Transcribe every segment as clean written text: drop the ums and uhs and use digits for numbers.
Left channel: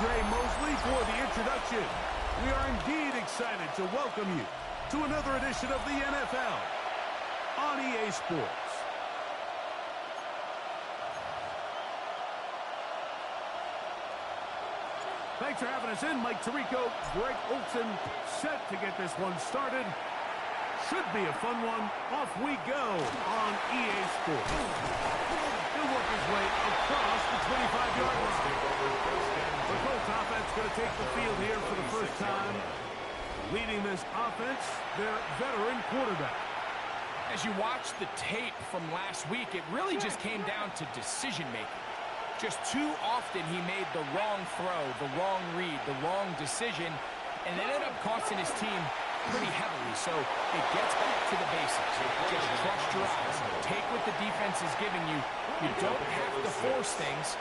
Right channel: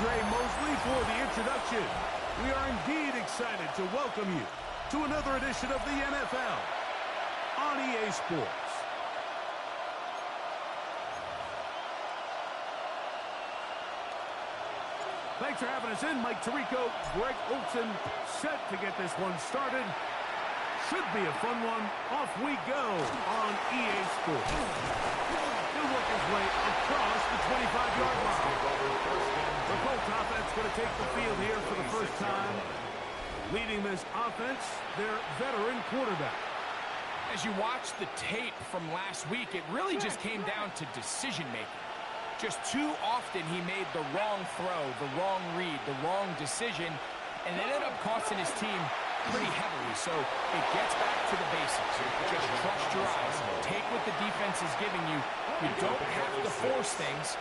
Ray Mosley for the introduction. We are indeed excited to welcome you to another edition of the NFL on EA Sports. Thanks for having us in. Mike Tirico, Greg Olson, set to get this one started. Should be a fun one. Off we go on EA Sports. He'll work his way across the 25-yard line. The Colts offense going to take the field here for the first time. Leading this offense, their veteran quarterback. As you watch the tape from last week, it really just came down to decision-making. Just too often he made the wrong throw, the wrong read, the wrong decision, and it ended up costing his team pretty heavily. So it gets back to the basics. Just trust your eyes. Take what the defense is giving you. You don't have to force things.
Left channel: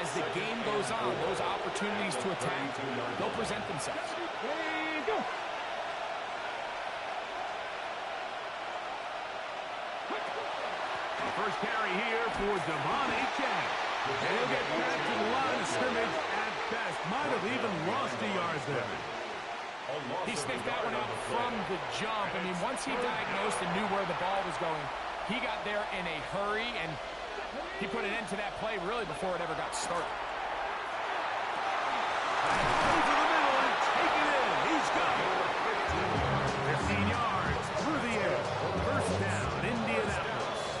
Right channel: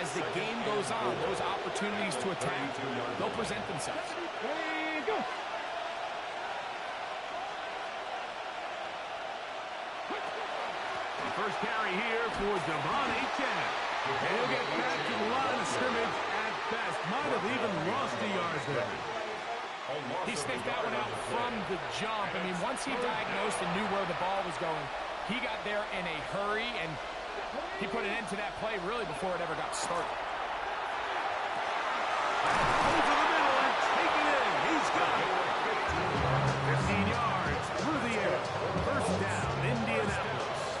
As the game goes on, those opportunities to attack, they'll present themselves. First carry here for Devon Achane. And he'll get back to the line of scrimmage at best. Might have even lost a yard there. He sniffed that one out from the jump. I mean, once he diagnosed and knew where the ball was going, he got there in a hurry, and he put an end to that play really before it ever got started. Over the middle and take it in. He's got it. 15 yards through the air. First down, Indianapolis.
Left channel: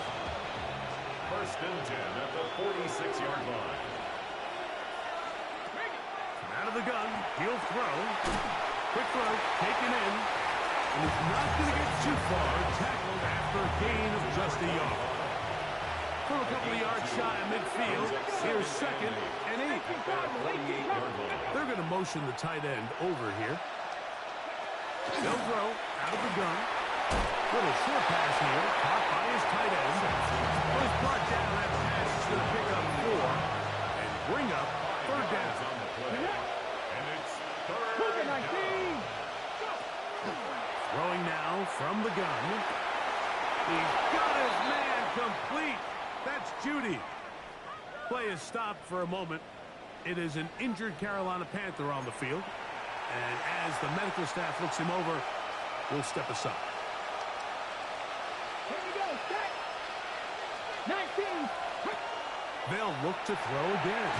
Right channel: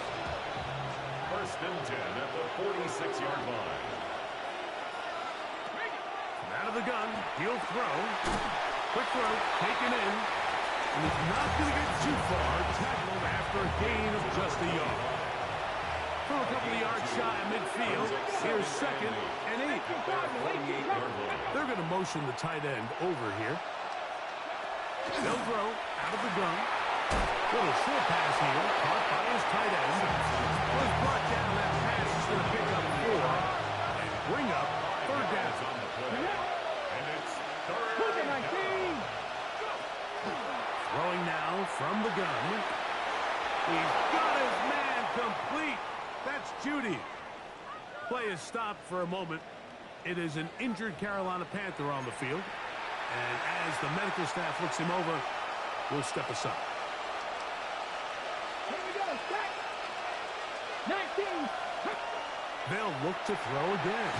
First and 10 at the 46-yard line. From out of the gun, he'll throw. Quick throw, taken in. And he's not going to get too far. Tackled after a gain of just a yard. From a couple of yards shy of midfield, here's second and 8. They're going to motion the tight end over here. They'll throw out of the gun. Little short pass here, caught by his tight end. Was brought down. That pass is going to pick up 4 and bring up third down. And it's third down. Throwing now from the gun. He's got his man complete. That's Judy. Play is stopped for a moment. It is an injured Carolina Panther on the field. And as the medical staff looks him over, we'll step aside. Here we go, set. 19. They'll look to throw again.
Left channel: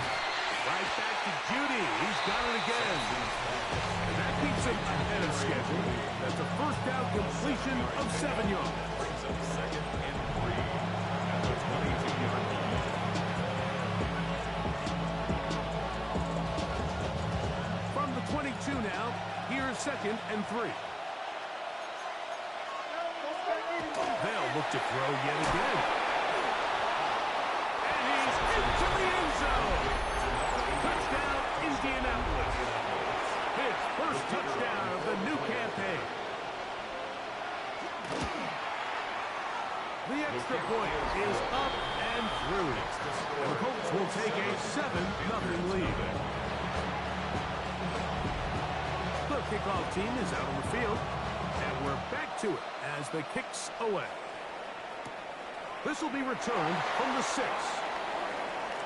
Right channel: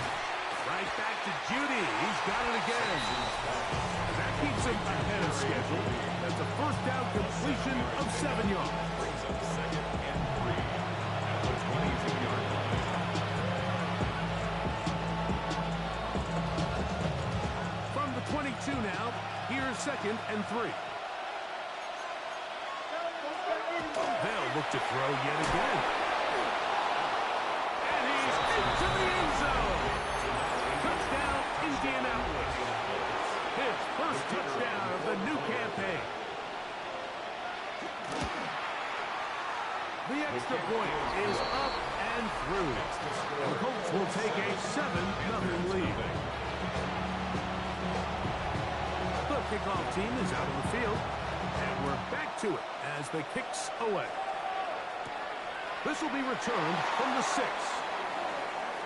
Right back to Judy. He's got it again. And that keeps him ahead of schedule. That's a first down completion of 7 yards. Brings up second and 3 at the 22-yard line. From the 22 now, here's second and 3. They'll look to throw yet again. And he's into the end zone. Touchdown, Indianapolis. His first touchdown of the new campaign. The extra point is up and through. And the Colts will take a 7-0 lead. The kickoff team is out on the field. And we're back to it as the kick's away. This will be returned from the 6.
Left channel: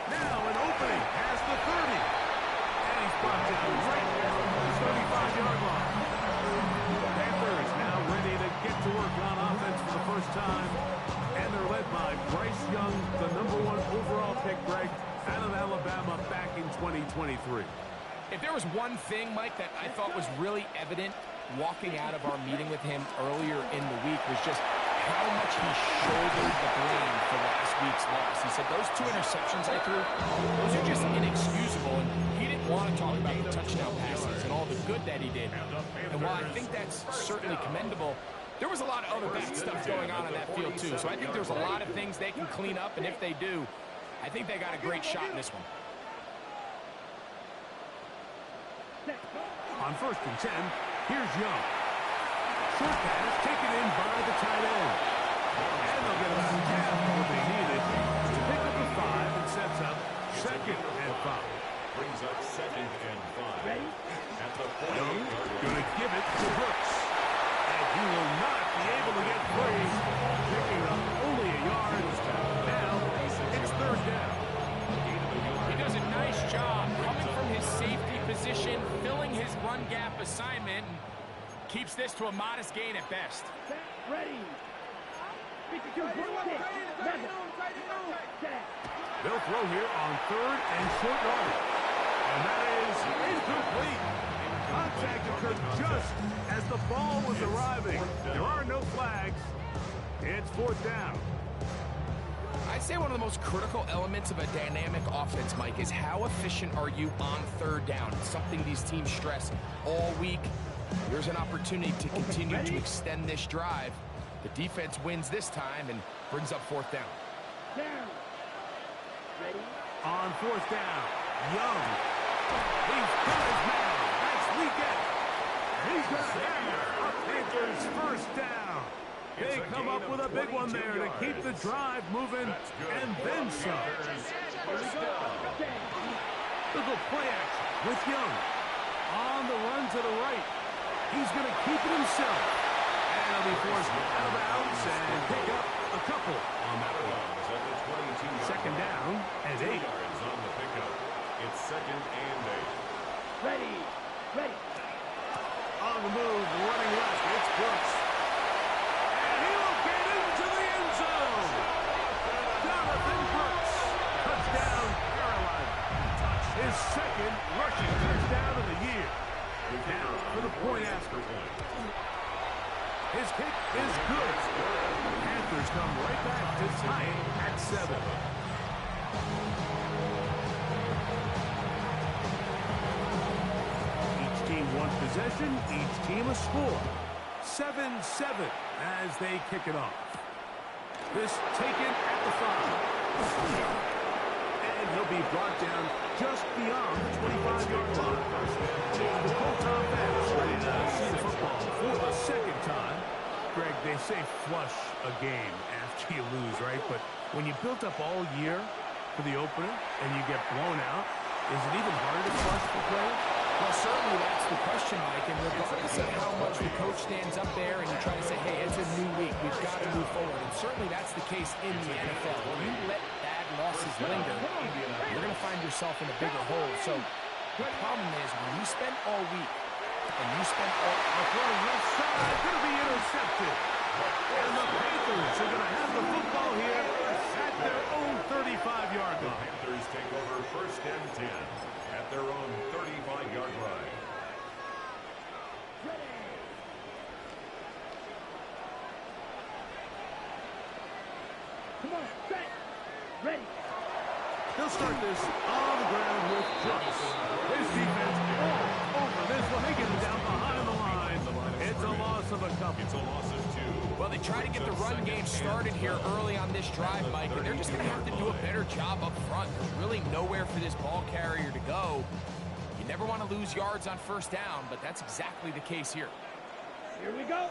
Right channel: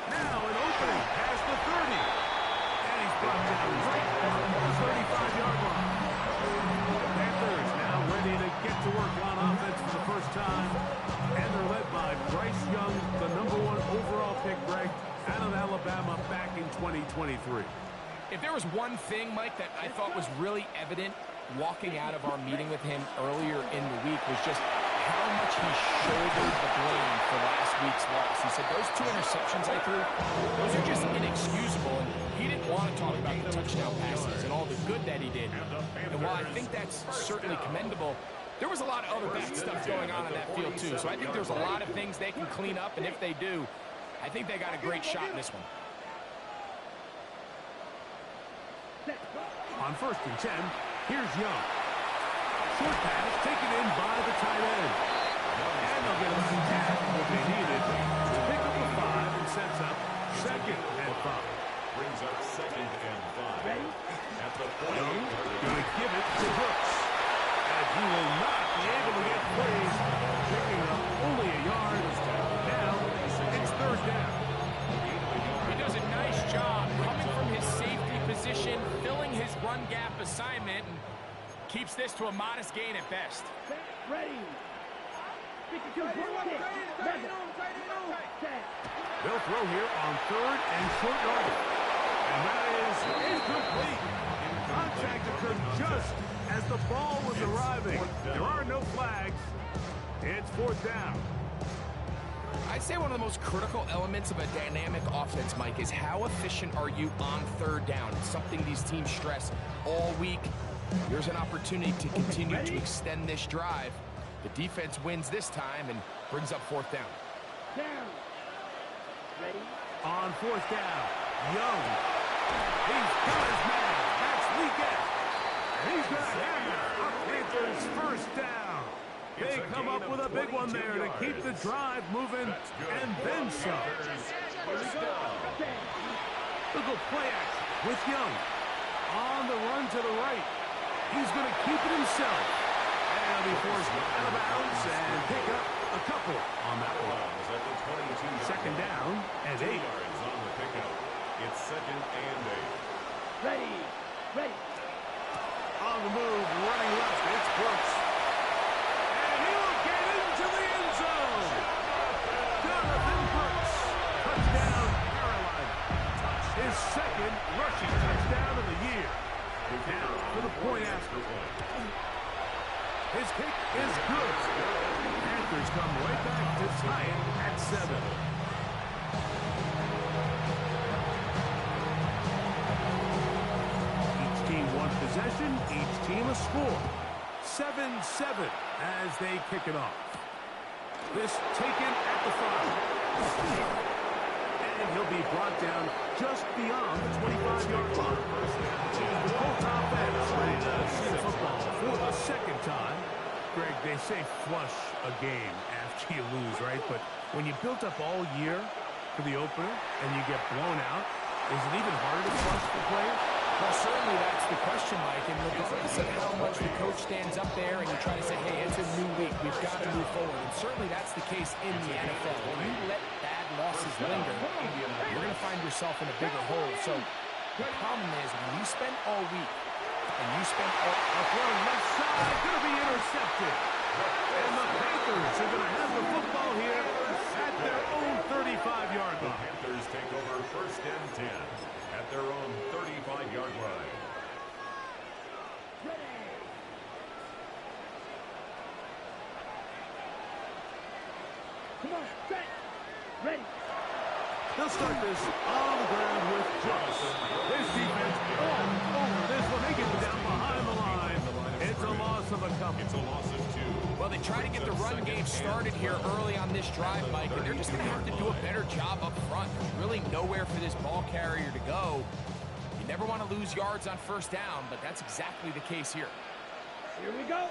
Now an opening past the 30. And he's brought down right on the 35-yard line. The Panthers now ready to get to work on offense for the first time. And they're led by Bryce Young, the #1 overall pick, Greg, out of Alabama back in 2023. If there was one thing, Mike, that I thought was really evident walking out of our meeting with him earlier in the week was just how much he shouldered the blame for last week's loss. He said, those 2 interceptions I threw, those are just inexcusable, and he didn't want to talk about the touchdown passes and all the good that he did. And while I think that's certainly commendable, there was a lot of other bad stuff going on that field too. So I think there's a lot of things they can clean up, and if they do, I think they got a great shot in this one. On first and 10, here's Young. Short pass taken in by the tight end. And they'll get about half of what they needed to pick up a 5 and sets up second and 5. Brings up second and 5. At the 48-yard Young line. going to give it to Brooks. And he will not be able to get free. Picking up only a yard. Now it's third down. He does a nice job coming from his safety position, filling his run gap assignment, and keeps this to a modest gain at best. Ready. They'll throw here on 3rd and short yardage. And that is incomplete. Contact occurred just as the ball was arriving. There are no flags. It's 4th down. I'd say one of the most critical elements of a dynamic offense, Mike, is how efficient are you on 3rd down. It's something these teams stress all week. Here's an opportunity to continue to extend this drive. The defense wins this time and brings up 4th down. Down. Ready. On 4th down, Young. He's got his man. That's Leggett. And he's going to have a Panthers 1st down. They come up with a big one there to keep the drive moving and then some. Look at play action with Young. On the run to the right. He's going to keep it himself. And he'll be forced out of bounds and pick up a couple on that one. 2nd down and 8 yards on the pickup. It's 2nd and 8. Ready. Ready. On the move, running left, it's Brooks. And he will get into the end zone. Jonathan Brooks. Touchdown, Carolina. His 2nd rushing touchdown of the year. Now for the point after. His kick is good. Panthers come right back to tie it at 7. Each team one possession, each team a score. 7-7 as they kick it off. This taken at the 5. And he'll be brought down just beyond the 25-yard line. The Colts offense ready to see the football for the 2nd time. Greg, they say flush a game after you lose, right? But when you built up all year for the opener and you get blown out, is it even harder to flush the players? Well, certainly that's the question, Mike, and regardless of how much the coach stands up there and you try to say, hey, it's a new week, we've got to move forward, and certainly that's the case in the NFL. When you let bad losses linger, you're going to find yourself in a bigger hole. So the problem is when you spend all week and you spend all... A throw left side, going to be intercepted. And the Panthers are going to have the football here at their own 35-yard line. Panthers take over 1st and 10 at their own 35-yard line. Ready. Come on, set. Ready. They'll start this on the ground with Brooks. His defense all over this one. They get him down behind the line. It's a loss of a couple. It's a loss of 2. Well, they try to get the run game started here early on this drive, Mike, and they're just going to have to do a better job up front. There's really nowhere for this ball carrier to go. You never want to lose yards on 1st down, but that's exactly the case here. Here we go.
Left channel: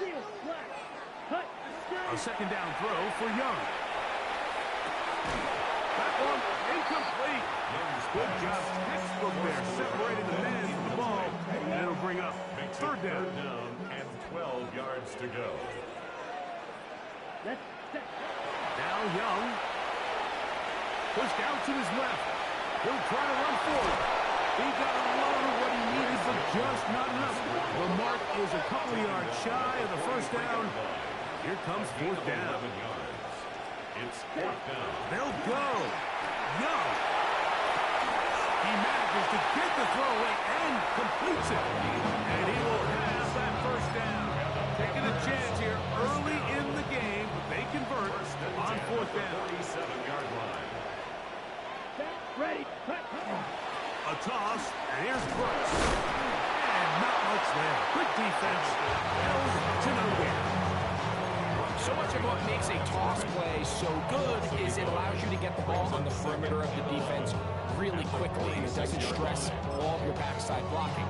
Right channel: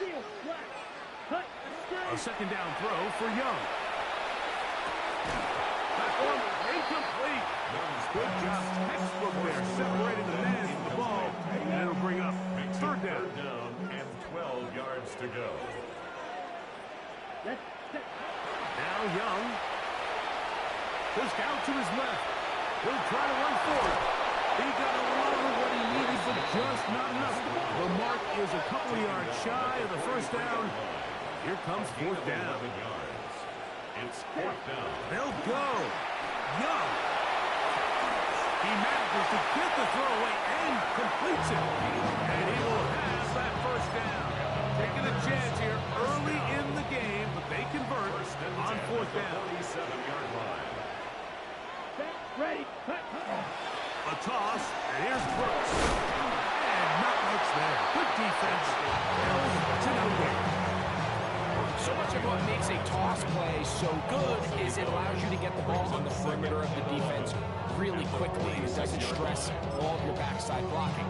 Seal, black, cut. A 2nd down throw for Young. That one incomplete. Good job. Textbook there, separating the man from the ball, and it'll bring up 3rd down. 3rd down and 12 yards to go. Now Young. Pushed out to his left. He'll try to run forward. He got a lot of what he needed, but just not enough. The mark is a couple yards shy of the 1st down. Here comes 4th down. 11 yards. It's 4th down. They'll go. Young. He manages to get the throw away and completes it. And he will have that 1st down. Taking a chance here early in the game, but they convert on 4th down. 47-yard line. Ready. A toss, and here's Brooks. And not much there. Good defense. Held to no gain. So much of what makes a toss play so good is it allows you to get the ball on the perimeter of the defense really quickly, and it doesn't stress all of your backside blocking.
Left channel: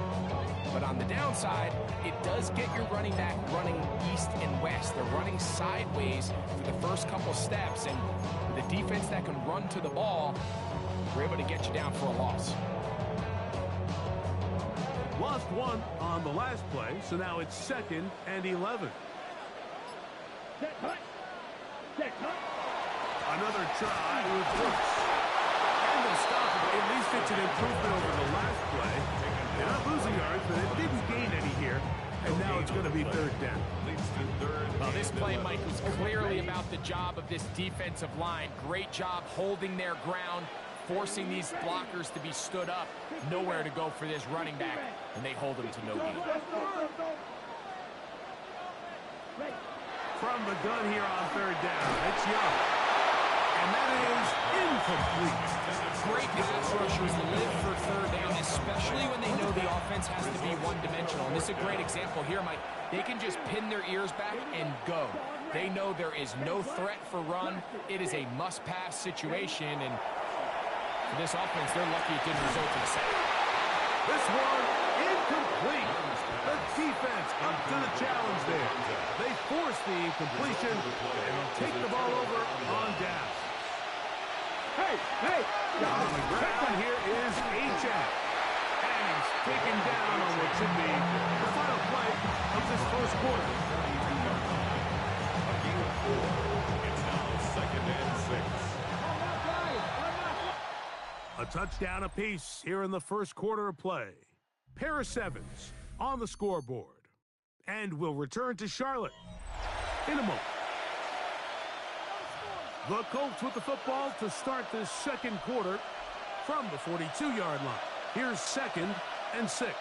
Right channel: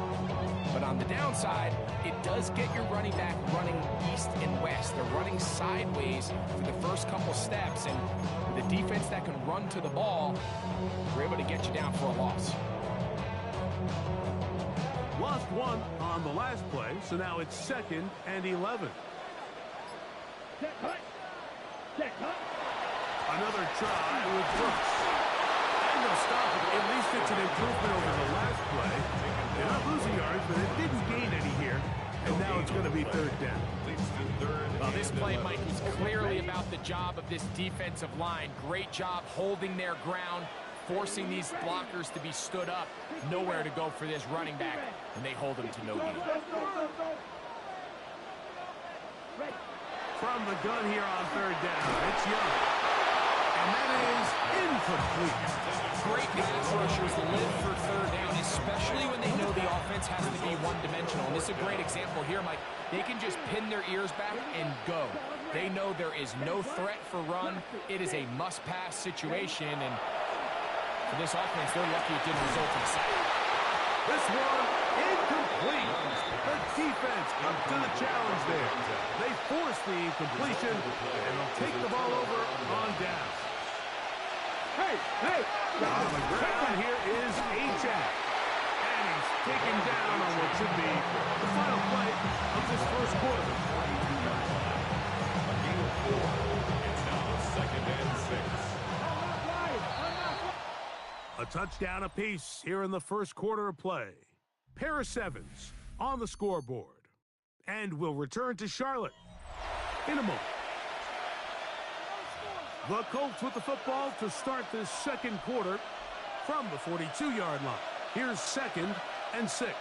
But on the downside, it does get your running back running east and west. They're running sideways for the first couple steps, and with a defense that can run to the ball, we're able to get you down for a loss. Lost one on the last play, so now it's 2nd and 11. Set, cut. Set, cut. Another try with Brooks. And they'll stop it. At least it's an improvement over the last play. They're not losing yards, but they didn't gain any here. And now it's going to be third down. Well, this play, Mike, was clearly about the job of this defensive line. Great job holding their ground, forcing these blockers to be stood up. Nowhere to go for this running back, and they hold him to no gain. From the gun here on third down, it's Young. And that is incomplete. Great pass rushers live for third down, especially when they know the offense has to be one-dimensional. And this is a great example here, Mike. They can just pin their ears back and go. They know there is no threat for run. It is a must-pass situation, and for this offense, they're lucky it didn't result in a sack. This one, incomplete. The defense up to the challenge there. They force the incompletion, and they'll take the ball over on down. Hey! On the ground here is H.A. And he's taken down on what should be the final play of this first quarter. A gain of 4. It's now 2nd and 6. A touchdown apiece here in the first quarter of play. Pair of sevens on the scoreboard. And we'll return to Charlotte in a moment. The Colts with the football to start this second quarter from the 42-yard line. Here's 2nd and 6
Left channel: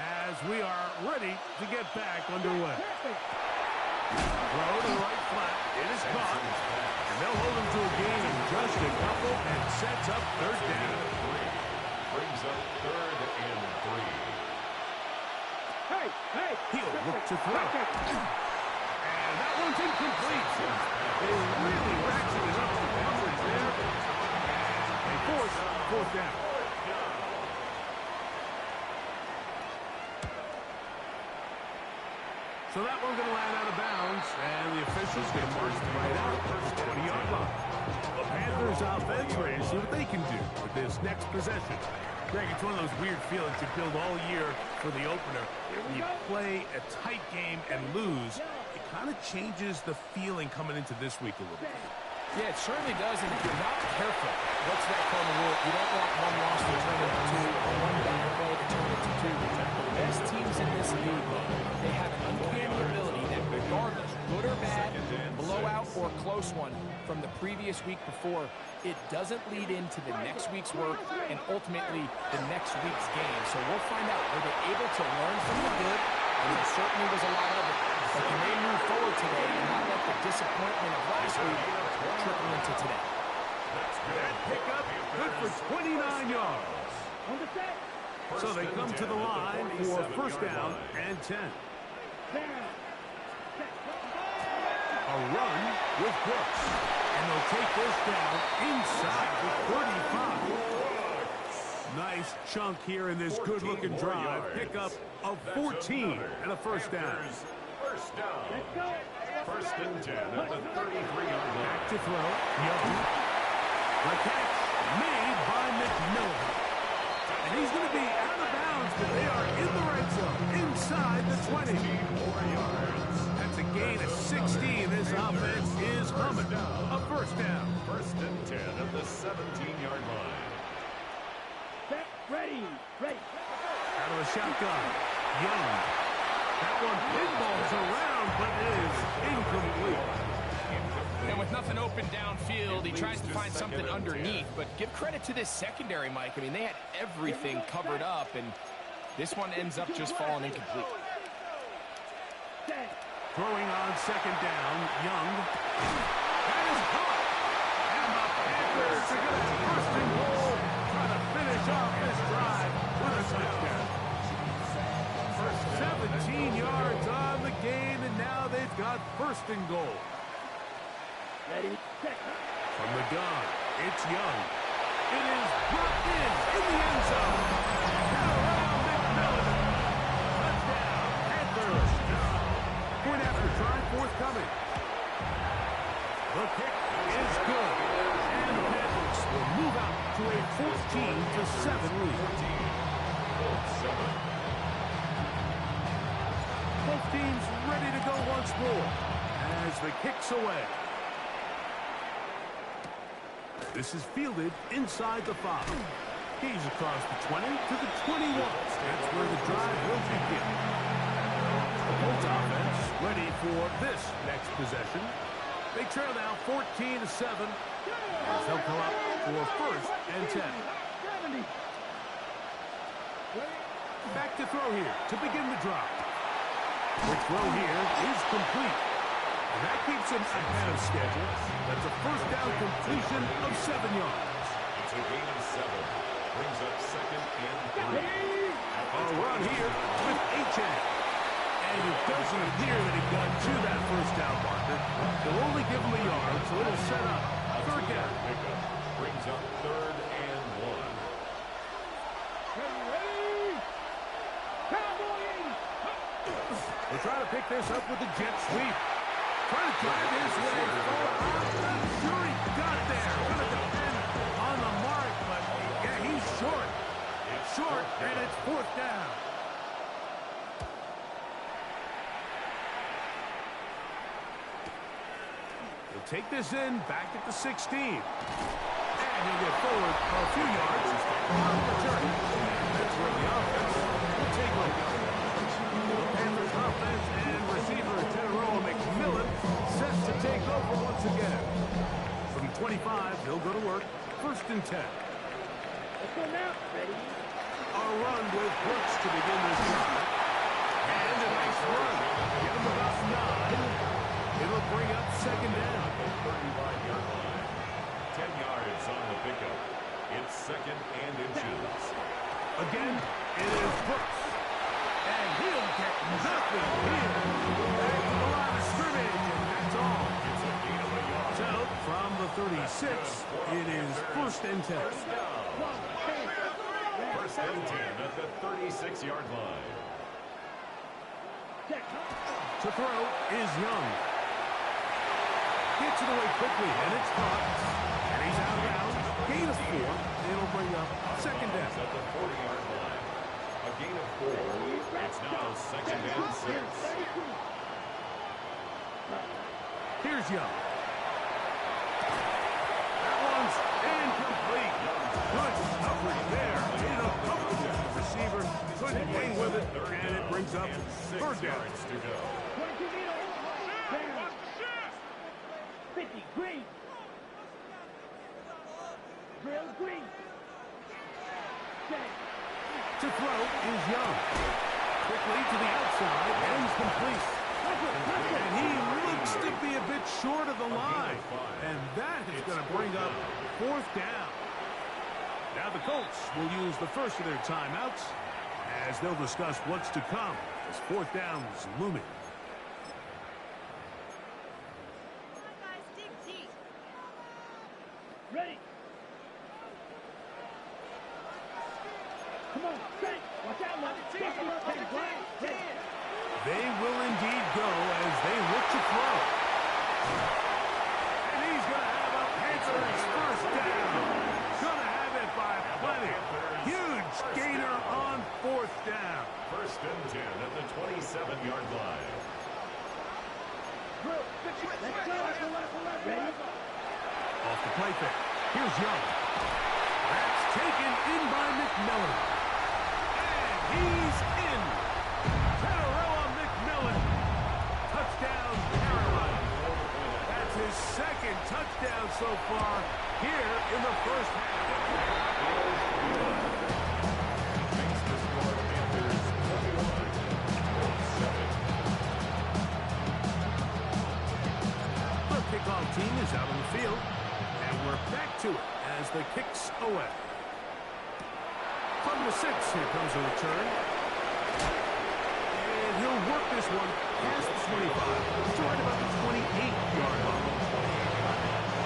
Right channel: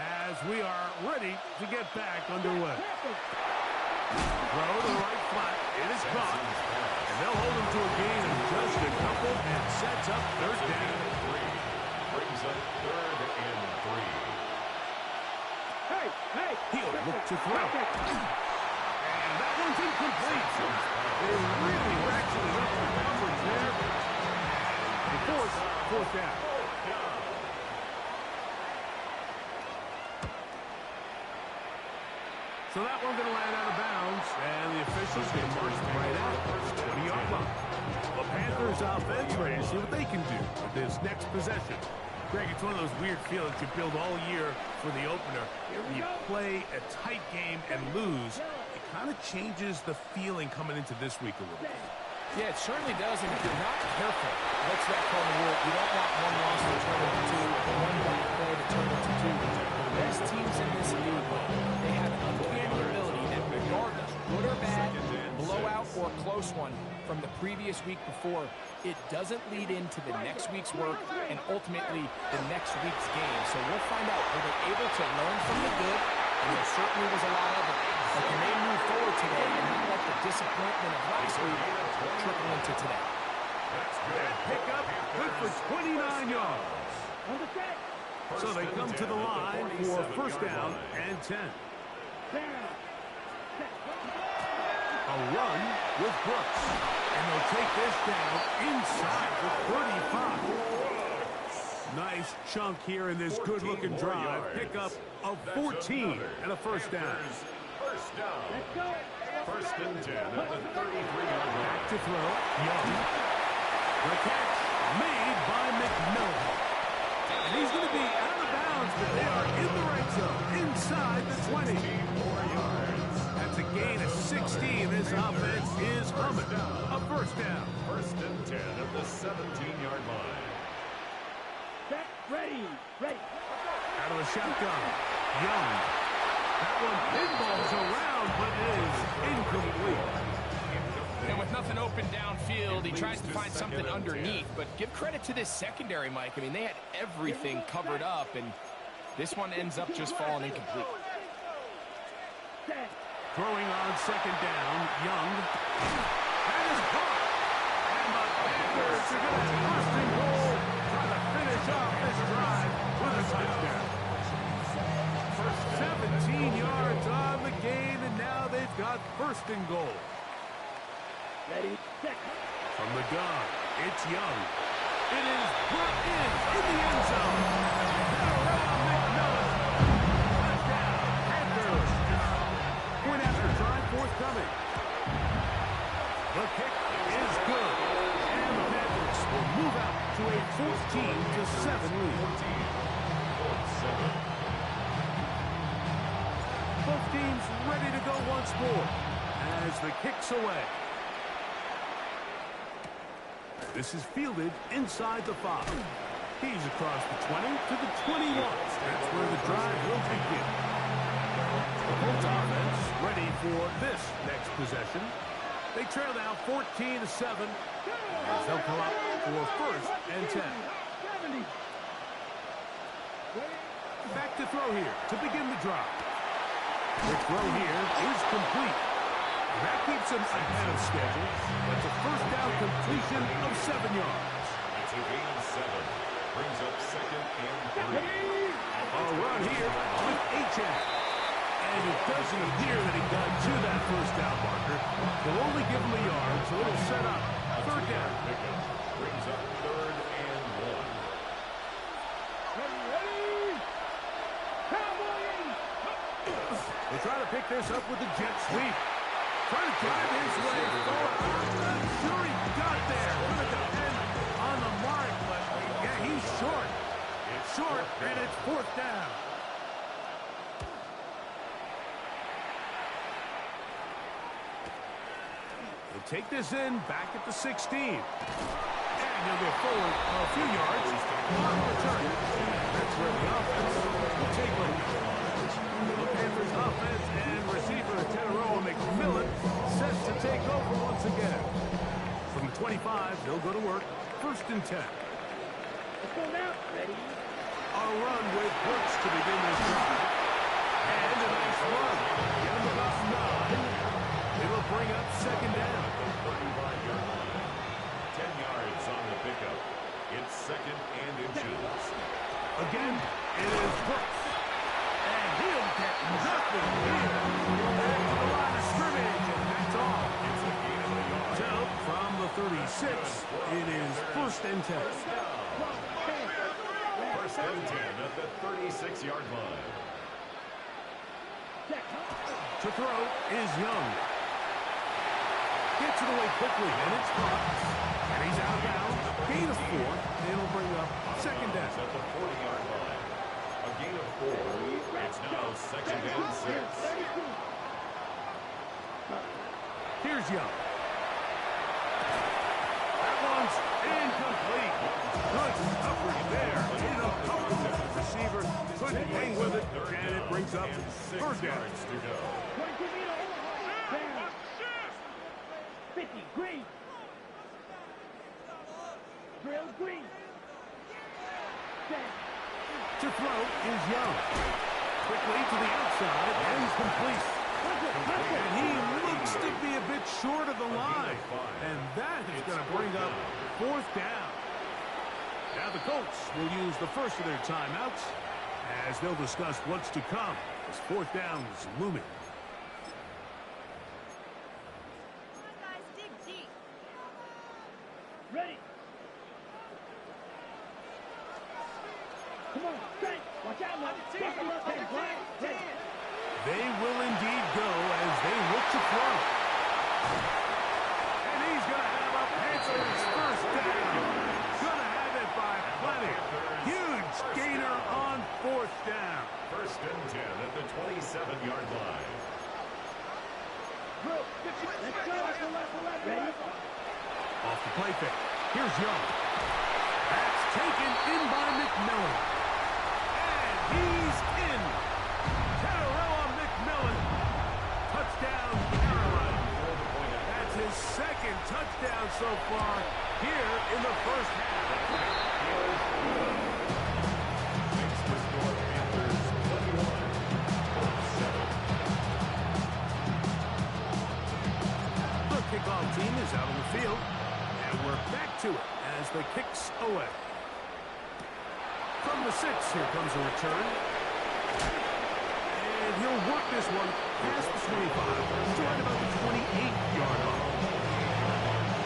as we are ready to get back underway. Throw to the right flat. It is caught. And they'll hold him to a gain of just a couple and sets up third down. Brings up 3rd and 3. Hey! He'll look to throw. And that one's incomplete. They really ratcheted up the coverage there. And they force 4th down. So that one going to land out of bounds, and the officials going to march right out the 20-yard line. The Panthers offense ready to see what they can do with this next possession. Greg, it's one of those weird feelings you build all year for the opener. When you play a tight game and lose, it kind of changes the feeling coming into this week a little bit. Yeah, it certainly does, and if you're not careful, what's that called in the rule? You don't want one loss to turn into 2, or one bad play to turn into 2. The best teams in this league, they have an uncanny ability that regardless, good or bad, blowout or close one from the previous week before, it doesn't lead into the next week's work and ultimately the next week's game. So we'll find out, were they able to learn from the good? And there certainly was a lot of it. But can they move forward today and not let the disappointment of last week trickle into today? That pickup good for 29 yards. So they come to the line for first down and 10. A run with Brooks. And they'll take this down inside the 35. Nice chunk here in this good-looking drive. Pickup of 14 and a first down. First down. Let's go. 1st and 10 at the 33-yard line. Back to throw. Young. The catch made by McMillan. And he's going to be out of bounds, but they are in the red zone, inside the 20. 4 yards. That's a gain of 16. This offense is humming. A first down. 1st and 10 at the 17-yard line. Set, ready. Out of the shotgun. Young. That one pinballs around, but is incomplete. And with nothing open downfield, he tries to find something underneath. But give credit to this secondary, Mike. I mean, they had everything covered up, and this one ends up just falling incomplete. Throwing on 2nd down, Young. That is caught. And the Panthers are going to have 1st and goal. Try to finish off this drive with a touchdown. 17 yards on the gain, and now they've got 1st and goal. Ready, set. From the gun, it's Young. It is brought in the end zone. And around McMillan. Touchdown, Panthers. Point after try forthcoming. The kick is good. And the Panthers will move out to a 14-7 lead. 14-7. Both teams ready to go once more as the kick's away. This is fielded inside the 5. He's across the 20 to the 21. That's where the drive will begin. The Colts offense ready for this next possession. They trail now 14-7 as they'll come up for 1st and 10. Back to throw here to begin the drive. Quick throw here is complete. And that keeps him ahead of schedule. That's a 1st down completion of 7 yards. It's a gain of 7. Brings up 2nd and 3. A run here with H.N. And it doesn't appear that he got to that 1st down marker. They'll only give him a yard, so it'll set up 3rd down. Pickup brings up 3rd and 1. They try to pick this up with the jet sweep. Trying to drive his way forward. I'm not sure he got there. Going to depend on the mark, but yeah, he's short. It's short, and it's 4th down. He'll take this in back at the 16. And he'll get forward a few yards on the return. That's where the offense will take over. The Panthers offense and receiver Teteroa McMillan set to take over once again. From the 25, they'll go to work. 1st and 10. Let's go now. Ready? A run with Brooks to begin this drive. And a nice run. Get him about 9. It'll bring up 2nd down. At the 35-yard line. 10 yards on the pickup. It's 2nd and inches. Again, it is Brooks. And he'll get nothing here. Back to the line of scrimmage, and that's all. It's a gain of a yard. So, from the 36, it is 1st and 10. 1st and 10 at the 36-yard line. To throw is Young. Gets it away quickly, and it's caught. And he's out of bounds. Gain of 4. It'll bring up 2nd down. At the 40-yard line. A gain of 4. It's now 2nd and 6. Here's Young. That one's incomplete. Good coverage there. Incomplete. The receiver couldn't hang with it, and it brings up 3rd down. To go. 50, green. Drill, green. To throw is Young. Quickly to the outside and complete. And he looks to be a bit short of the line. And that is going to bring up 4th down. Now the Colts will use the first of their timeouts as they'll discuss what's to come as 4th down is looming. Come on, guys, dig deep. Ready. Come on, straight. Watch out, man. They will indeed go as they look to throw. And he's going to have a Panthers 1st down. Going to have it by plenty. Huge gainer on 4th down. 1st and 10 at the 27-yard line. Let's go. Ready? Off the play fake. Here's Young. That's taken in by McMillan. And he's in. Teteroa McMillan. Touchdown, Carolina. That's his 2nd touchdown so far here in the 1st half. Makes the score Panthers 21, Colts 7. The kickoff team is out on the field. And we're back to it as the kicks away. From the 6, here comes a return. And he'll work this one past the 25 to right about the 28-yard line.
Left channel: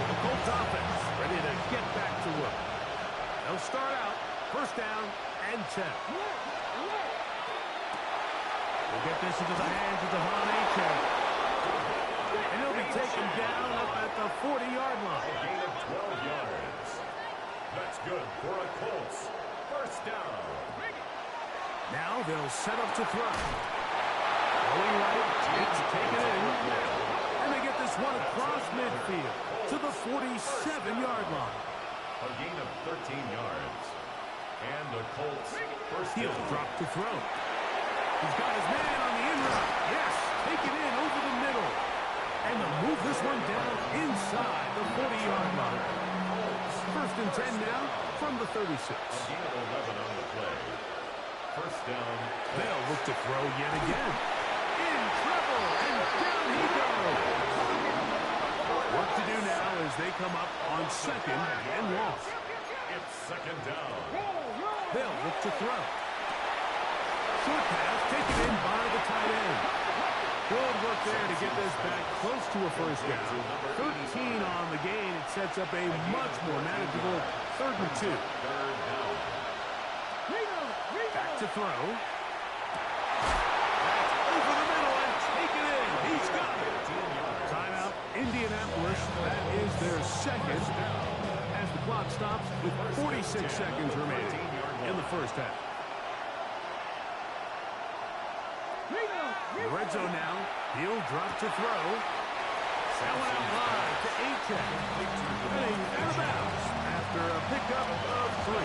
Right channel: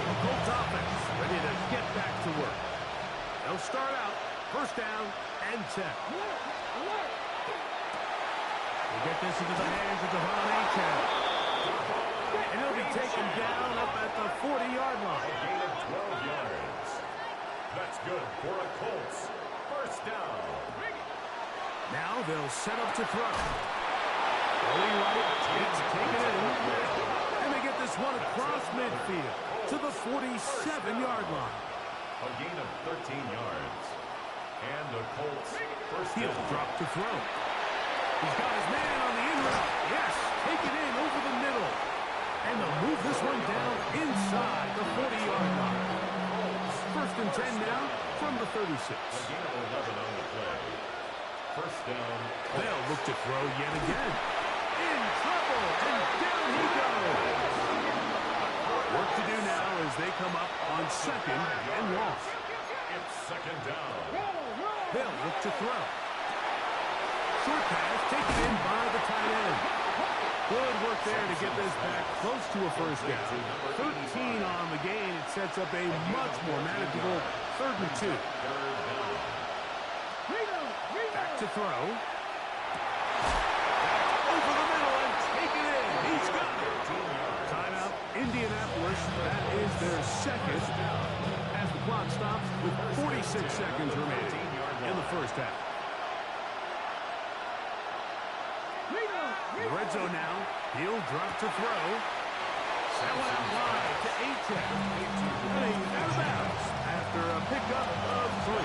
The Colts offense ready to get back to work. They'll start out 1st down and 10. We'll get this into the hands of Devon Achane. And he'll be taken down up at the 40-yard line. A gain of 12 yards. That's good for a Colts 1st down. Now they'll set up to throw. Going right, it's taken in. And they get this one across across midfield to the 47-yard line. A gain of 13 yards. And the Colts first He'll down. drop to throw. He's got his man on the in route. Yes, take it in over the middle. And they'll move this one down inside the 40-yard line. First and 10 now from the 36. A gain of 11 on the play. First down. They'll look to throw yet again. In trouble, and down he goes. Work to do now as they come up on second and long. It's second down. They'll look to throw. Short pass taken in by the tight end. Good work there to get this back close to a first down. 13 on the gain. It sets up a much more manageable 3rd and 2. Third down. Back to throw. Back over the middle and take it in. He's got it. Timeout, Indianapolis. That is their second as the clock stops with 46 seconds remaining in the first half. The red zone now. He'll drop to throw. That one out wide to A-Tech. Heading out of bounds after a pickup of 3.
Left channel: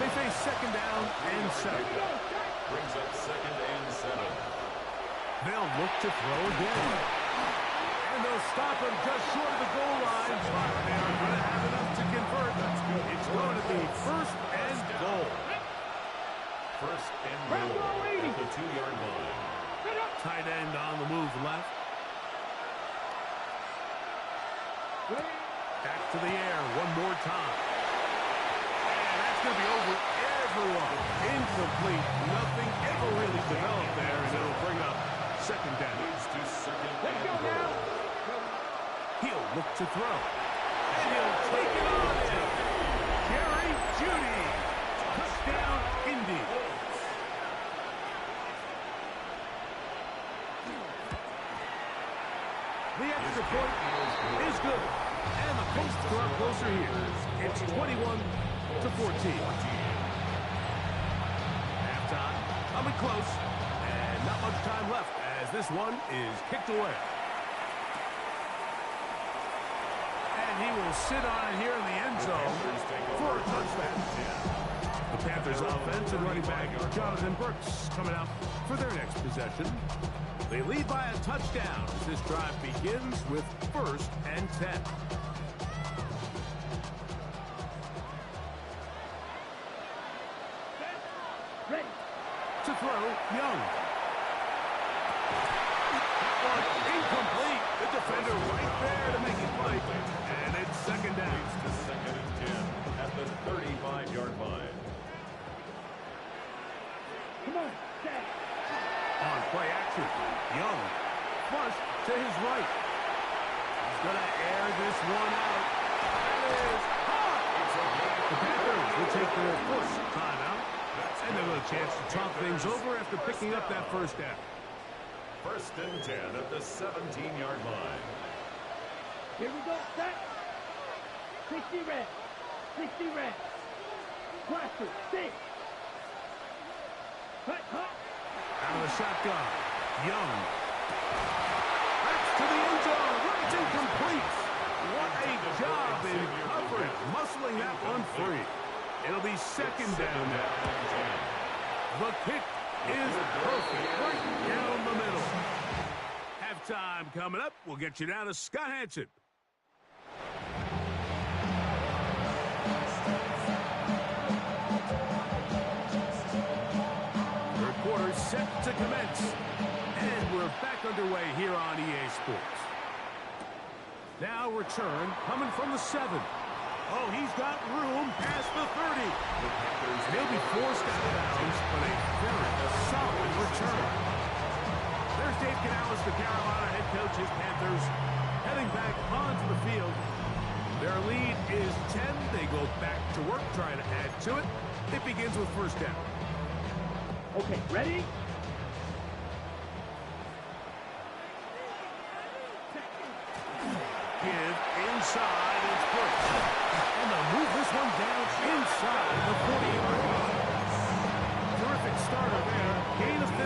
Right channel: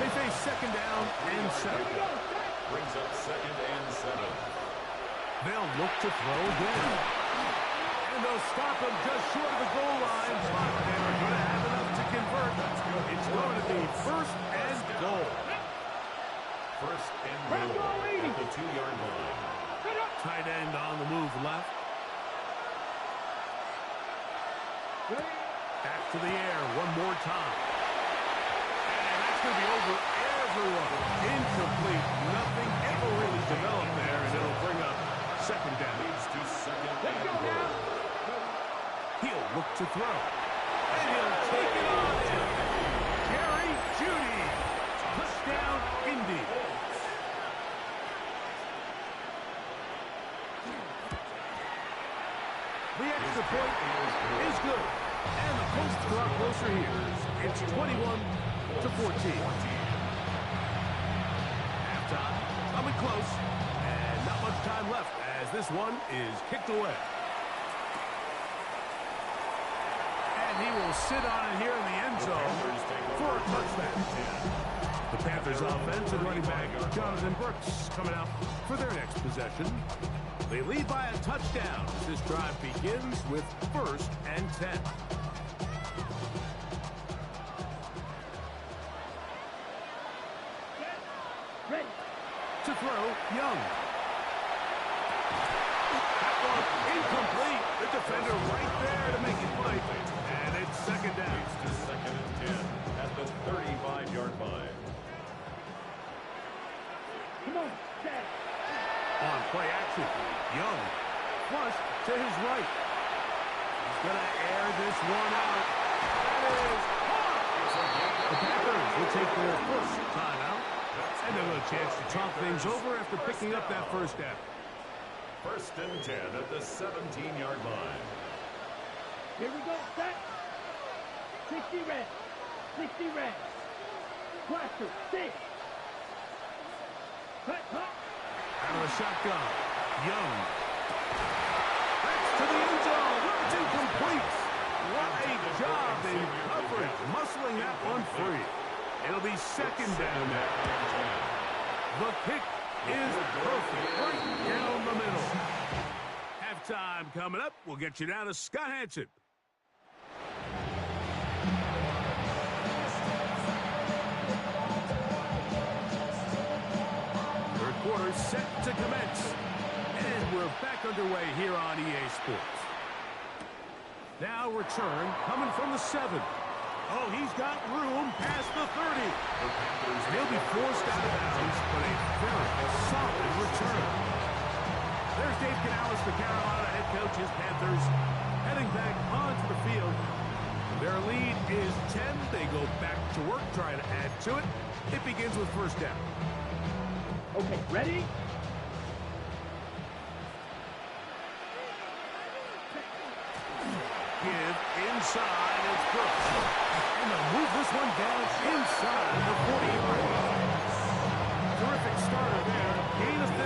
They face second down and 7. Brings up second and 7. They'll look to throw again. And they'll stop him just short of the goal line. But they are going to have enough to convert. It's going to be first and goal. First and goal at the 2-yard line. Tight end on the move left. Back to the air one more time. And that's going to be over everyone. Incomplete. Nothing ever really developed there, and it'll bring up second down. Leads to second and goal. He'll look to throw. And he'll take it on in. Jerry Jeudy. Touchdown, Indy. The extra point is good. And the Colts draw closer here. It's 21-14. Halftime coming close. And not much time left as this one is kicked away. And he will sit on it here in the end zone for a touchback. The Panthers offense and running back Jonathan Brooks coming out for their next possession. They lead by a touchdown as this drive begins with 1st and 10. Ready. To throw, Young. That one incomplete. The defender right there to make it play. And it's second down. Leads to second and 10 at the 35-yard line. Come on, Jack. On play action, Young flush to his right. He's going to air this one out. That is hot. The Panthers will take their first timeout. And they'll have a chance to talk things over after picking up that first down. First and 10 at the 17-yard line. Here we go, set. 60 red. 60 red. Plaster, 6. Cut. Out of the shotgun, Young. That's to the end zone where it's incomplete. What a job in coverage, muscling that one free. It'll be second down now. The kick is perfect, right down the middle. Halftime coming up. We'll get you down to Scott Hansen. Third quarter set to commence. And we're back underway here on EA Sports. Now return coming from the 7. Oh, he's got room past the 30. And he'll be forced out of bounds, but a very solid return. There's Dave Canales, the Carolina head coach. His Panthers heading back onto the field. Their lead is 10. They go back to work, trying to add to it. It begins with first down. Okay, ready? Give inside, it's Brooks. And they'll move this one down inside the 40-yard line. Terrific starter there. Gain of 15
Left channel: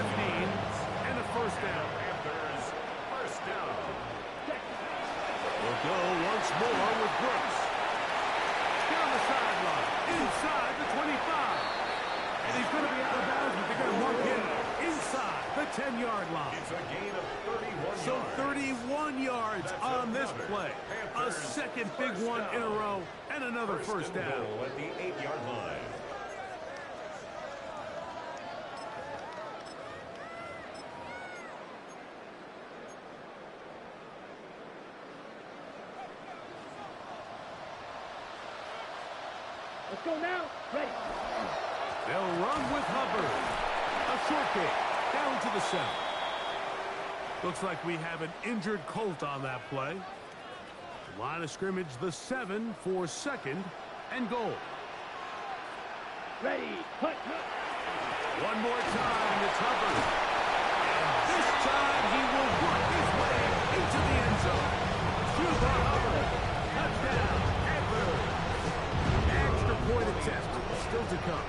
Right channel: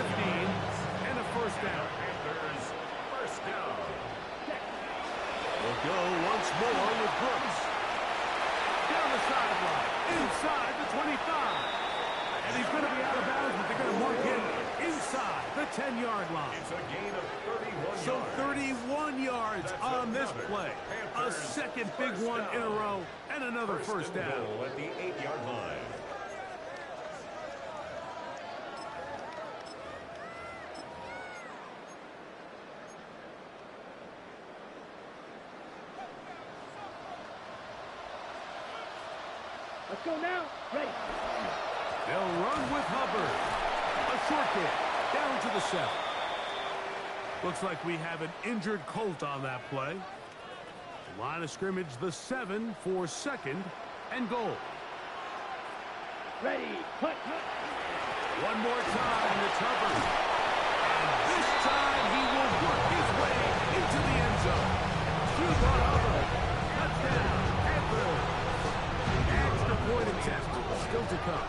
and a first down. Panthers first down. They'll go once more with Brooks. Down the sideline, inside the 25. And he's going to be out of bounds, but they're going to mark him inside the 10-yard line. It's a gain of 31 yards. So 31 yards That's on this another play. A Panthers second big one in a row, and another first and down. goal at the 8-yard line. Let's go now. Ready. They'll run with Hubbard. A short kick down to the 7. Looks like we have an injured Colt on that play. The line of scrimmage, the 7 for second and goal. Ready. Punt. One more time, it's Hubbard. And this time he will work his way into the end zone. Through for Hubbard. Touchdown, Panthers. Extra point attempt still to come.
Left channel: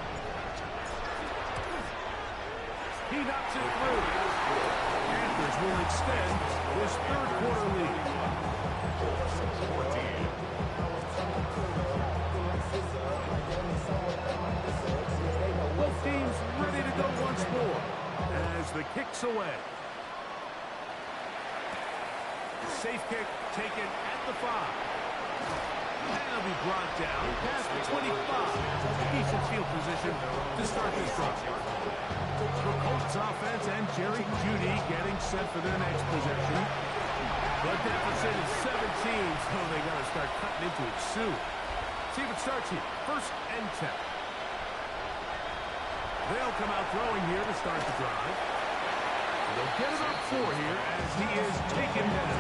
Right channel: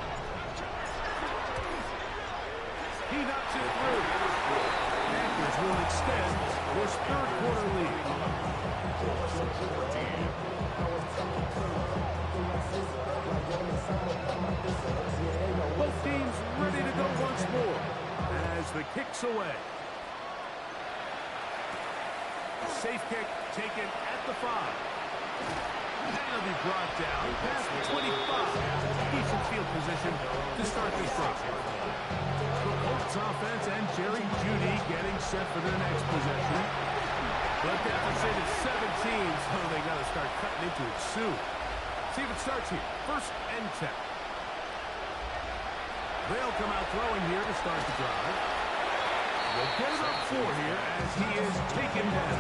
He knocks it through. Panthers will extend this third quarter lead. 14. Both teams ready to go once more as the kick's away. Safe kick taken at the 5. And he'll be brought down past the 25. Decent field position to start this drive. The Colts offense and Jerry Jeudy getting set for their next possession. The deficit is 17, so they got to start cutting into it soon. See if it starts here. First and 10. They'll come out throwing here to start the drive. They'll get about 4 here as he is taken down.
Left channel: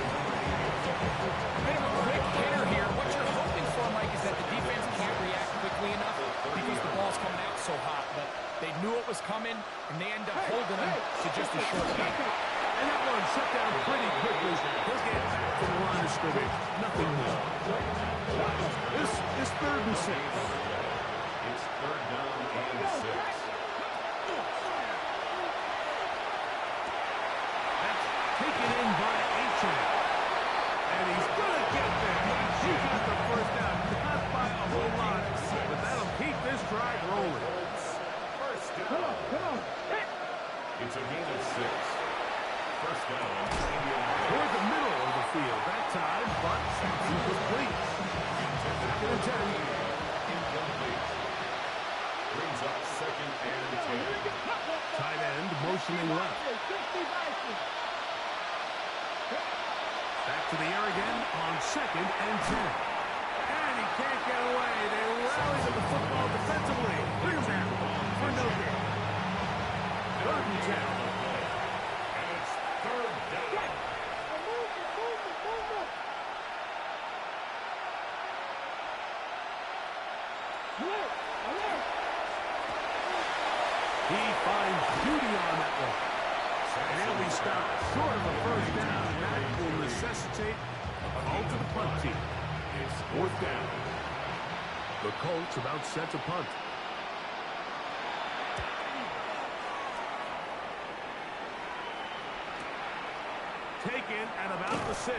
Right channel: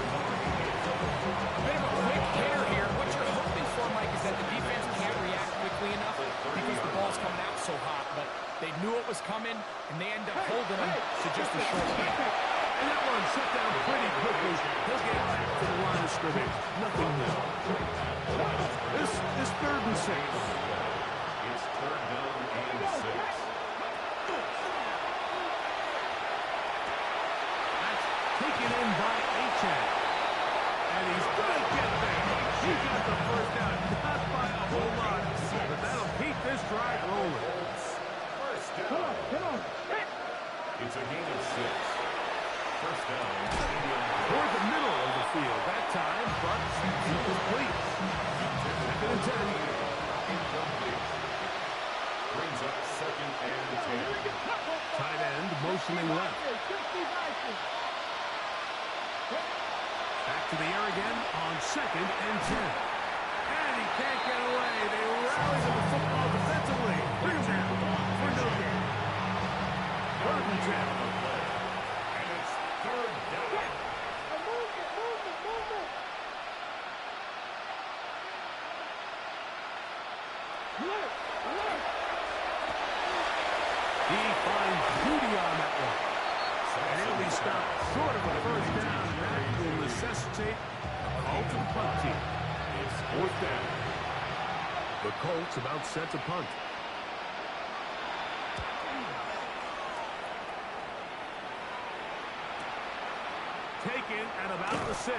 A bit of a quick hitter here. What you're hoping for, Mike, is that the defense can't react quickly enough because the ball's coming out so hot. But they knew it was coming, and they end up holding him to just a short game. And that one shut down pretty quickly. He'll get back to the line of scrimmage. Nothing more. This is 3rd and 6. It's 3rd down and 6. That's taken in by Achan. And he's going to get there. He got the first down, not by a whole lot, but that'll keep this drive rolling. First Come down. on. It's a gain of 6. First down, Indianapolis. Toward the middle of the field that time, but incomplete. Second and 10. Incomplete. Brings up 2nd and 10. Tight end motioning left. Back to the air again on 2nd and 10. And he can't get away. They rally to the football defensively. Bring him down for no gain. 3rd and 10. And it's 3rd down. Alert. He finds Jeudy on that one. And he'll be stopped short of a first down, and that will necessitate a call to the punt team. It's 4th down. The Colts about set to punt. Taken at about the 6.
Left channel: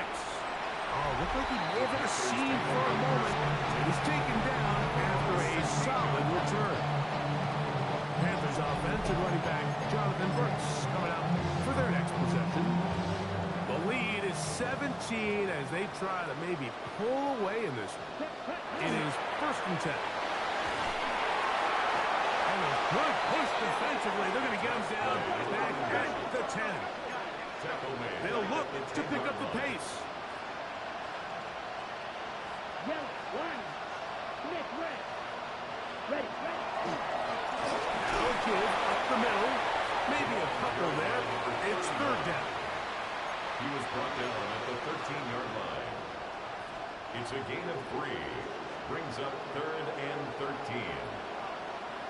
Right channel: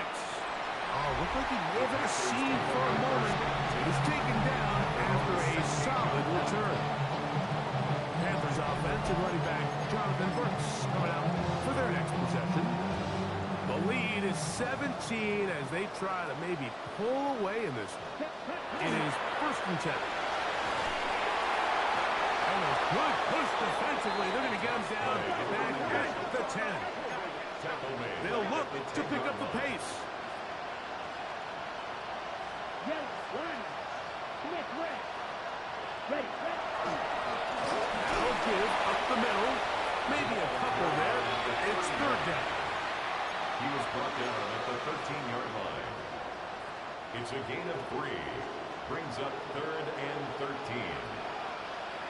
Oh, looked like he may have hit a seam for a moment. He's taken down after a solid return. Panthers offense and running back Jonathan Brooks coming out for their next possession. The lead is 17 as they try to maybe pull away in this one. It is 1st and 10. And a good push defensively. They're going to get him down back at the 10. Tackle made. They'll look to pick up the pace. Yellow, line. Nick, red. Ready. Now a give up the middle. Maybe a couple there. It's 3rd down. He was brought down at the 13-yard line. It's a gain of 3. Brings up 3rd and 13.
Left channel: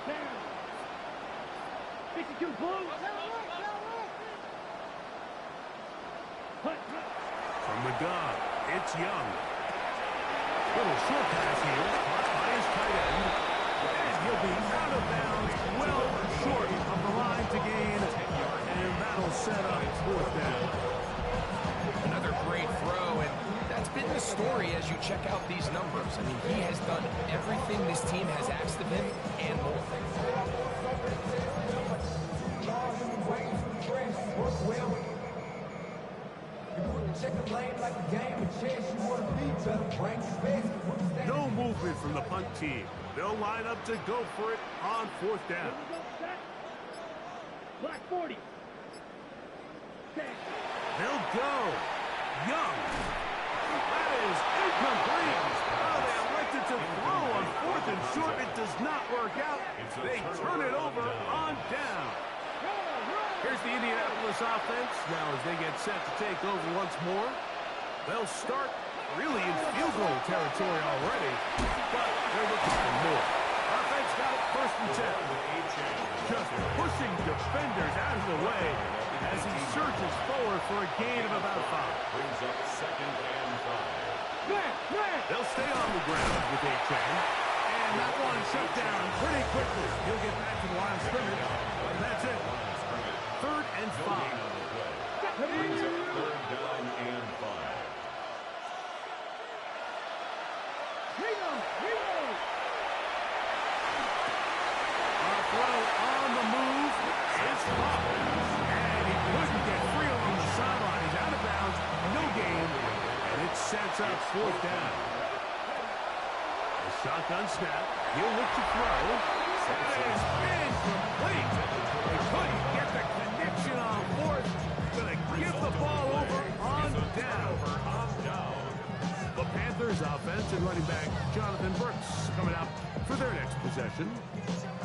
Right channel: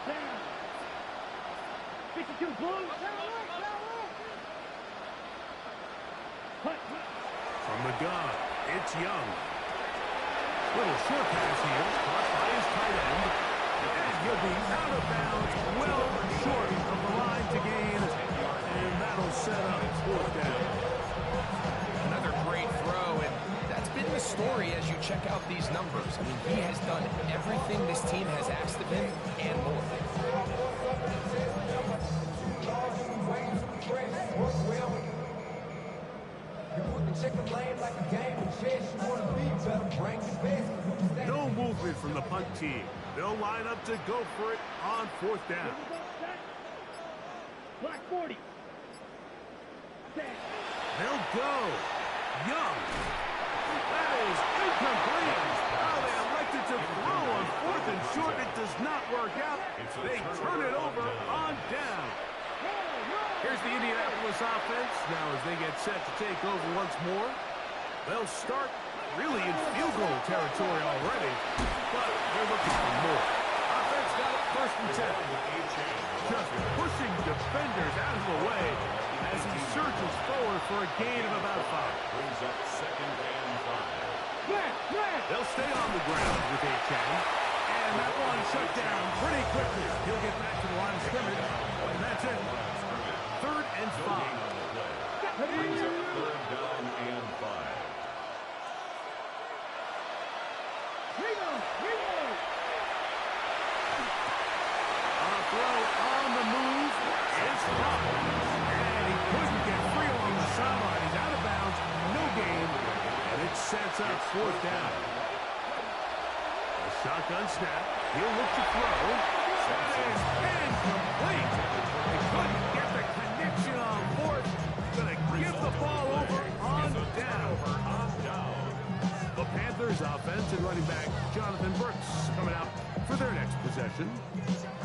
Down. 52 blue. Punt. From the gun, it's Young. Little short pass here, caught by his tight end. And he'll be out of bounds, well short of the line to gain. And that'll set up 4th down. Another great throw, and that's been the story as you check out these numbers. I mean, he has done everything this team has asked of him and more. No movement from the punt team. They'll line up to go for it on 4th down. Black 40. They'll go. Young. That is incomplete. Oh, they elected to throw on 4th and short. It does not work out. They turn it over on down. Here's the Indianapolis offense. Now as they get set to take over once more, they'll start really in field goal territory already, but they're looking for more. Offense got it 1st and 10. Just pushing defenders out of the way as he surges forward for a gain of about 5. Brings up 2nd and 5. They'll stay on the ground with A-Chain. And that one shut down pretty quickly. He'll get back to the line of scrimmage. And that's it. 3rd and 5. Brings up 3rd down and 5. Throw on the move is caught. And he couldn't get free along the sideline. He's out of bounds, no gain, and it sets up 4th down. A shotgun snap. He'll look to throw. That is incomplete. They couldn't get the connection on 4th. Gonna give the ball over on down. The Panthers offense and running back Jonathan Brooks coming out for their next possession.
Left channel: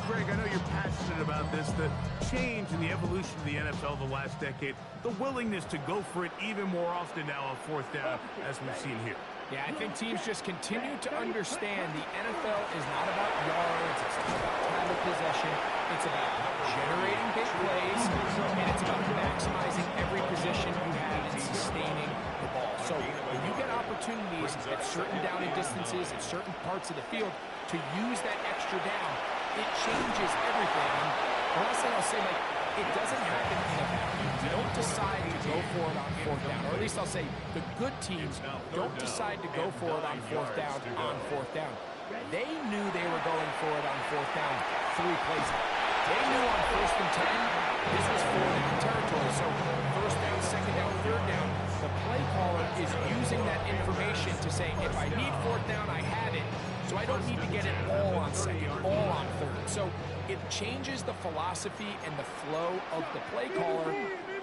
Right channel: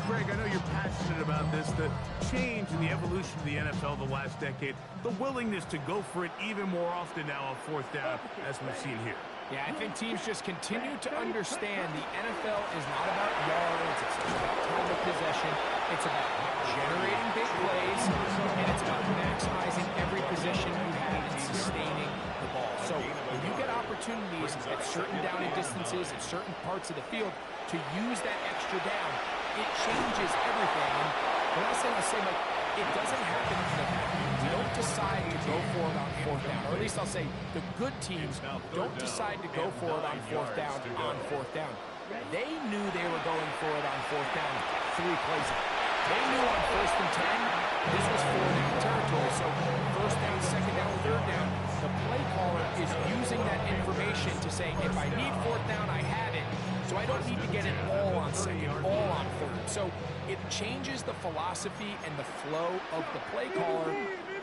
Greg, I know you're passionate about this, the change in the evolution of the NFL the last decade, the willingness to go for it even more often now on 4th down, as we've seen here. Yeah, I think teams just continue to understand the NFL is not about yards, it's not about time of possession, it's about generating big plays, and it's about maximizing every position you have in sustaining the ball. So when you get opportunities at certain down and distances, at certain parts of the field, to use that extra down, it changes everything. And the last thing I'll say, Mike, it doesn't happen in a vacuum. We don't decide to go for it on 4th down. Or at least I'll say the good teams don't decide to go for it on 4th down on 4th down. They knew they were going for it on 4th down 3 plays out. They knew on 1st and 10, this was 4-down territory. So 1st down, 2nd down, 3rd down, the play caller is using that information to say, if I need 4th down, I have it. So I don't need to get it all on 2nd, all on 3rd. So it changes the philosophy and the flow of the play caller,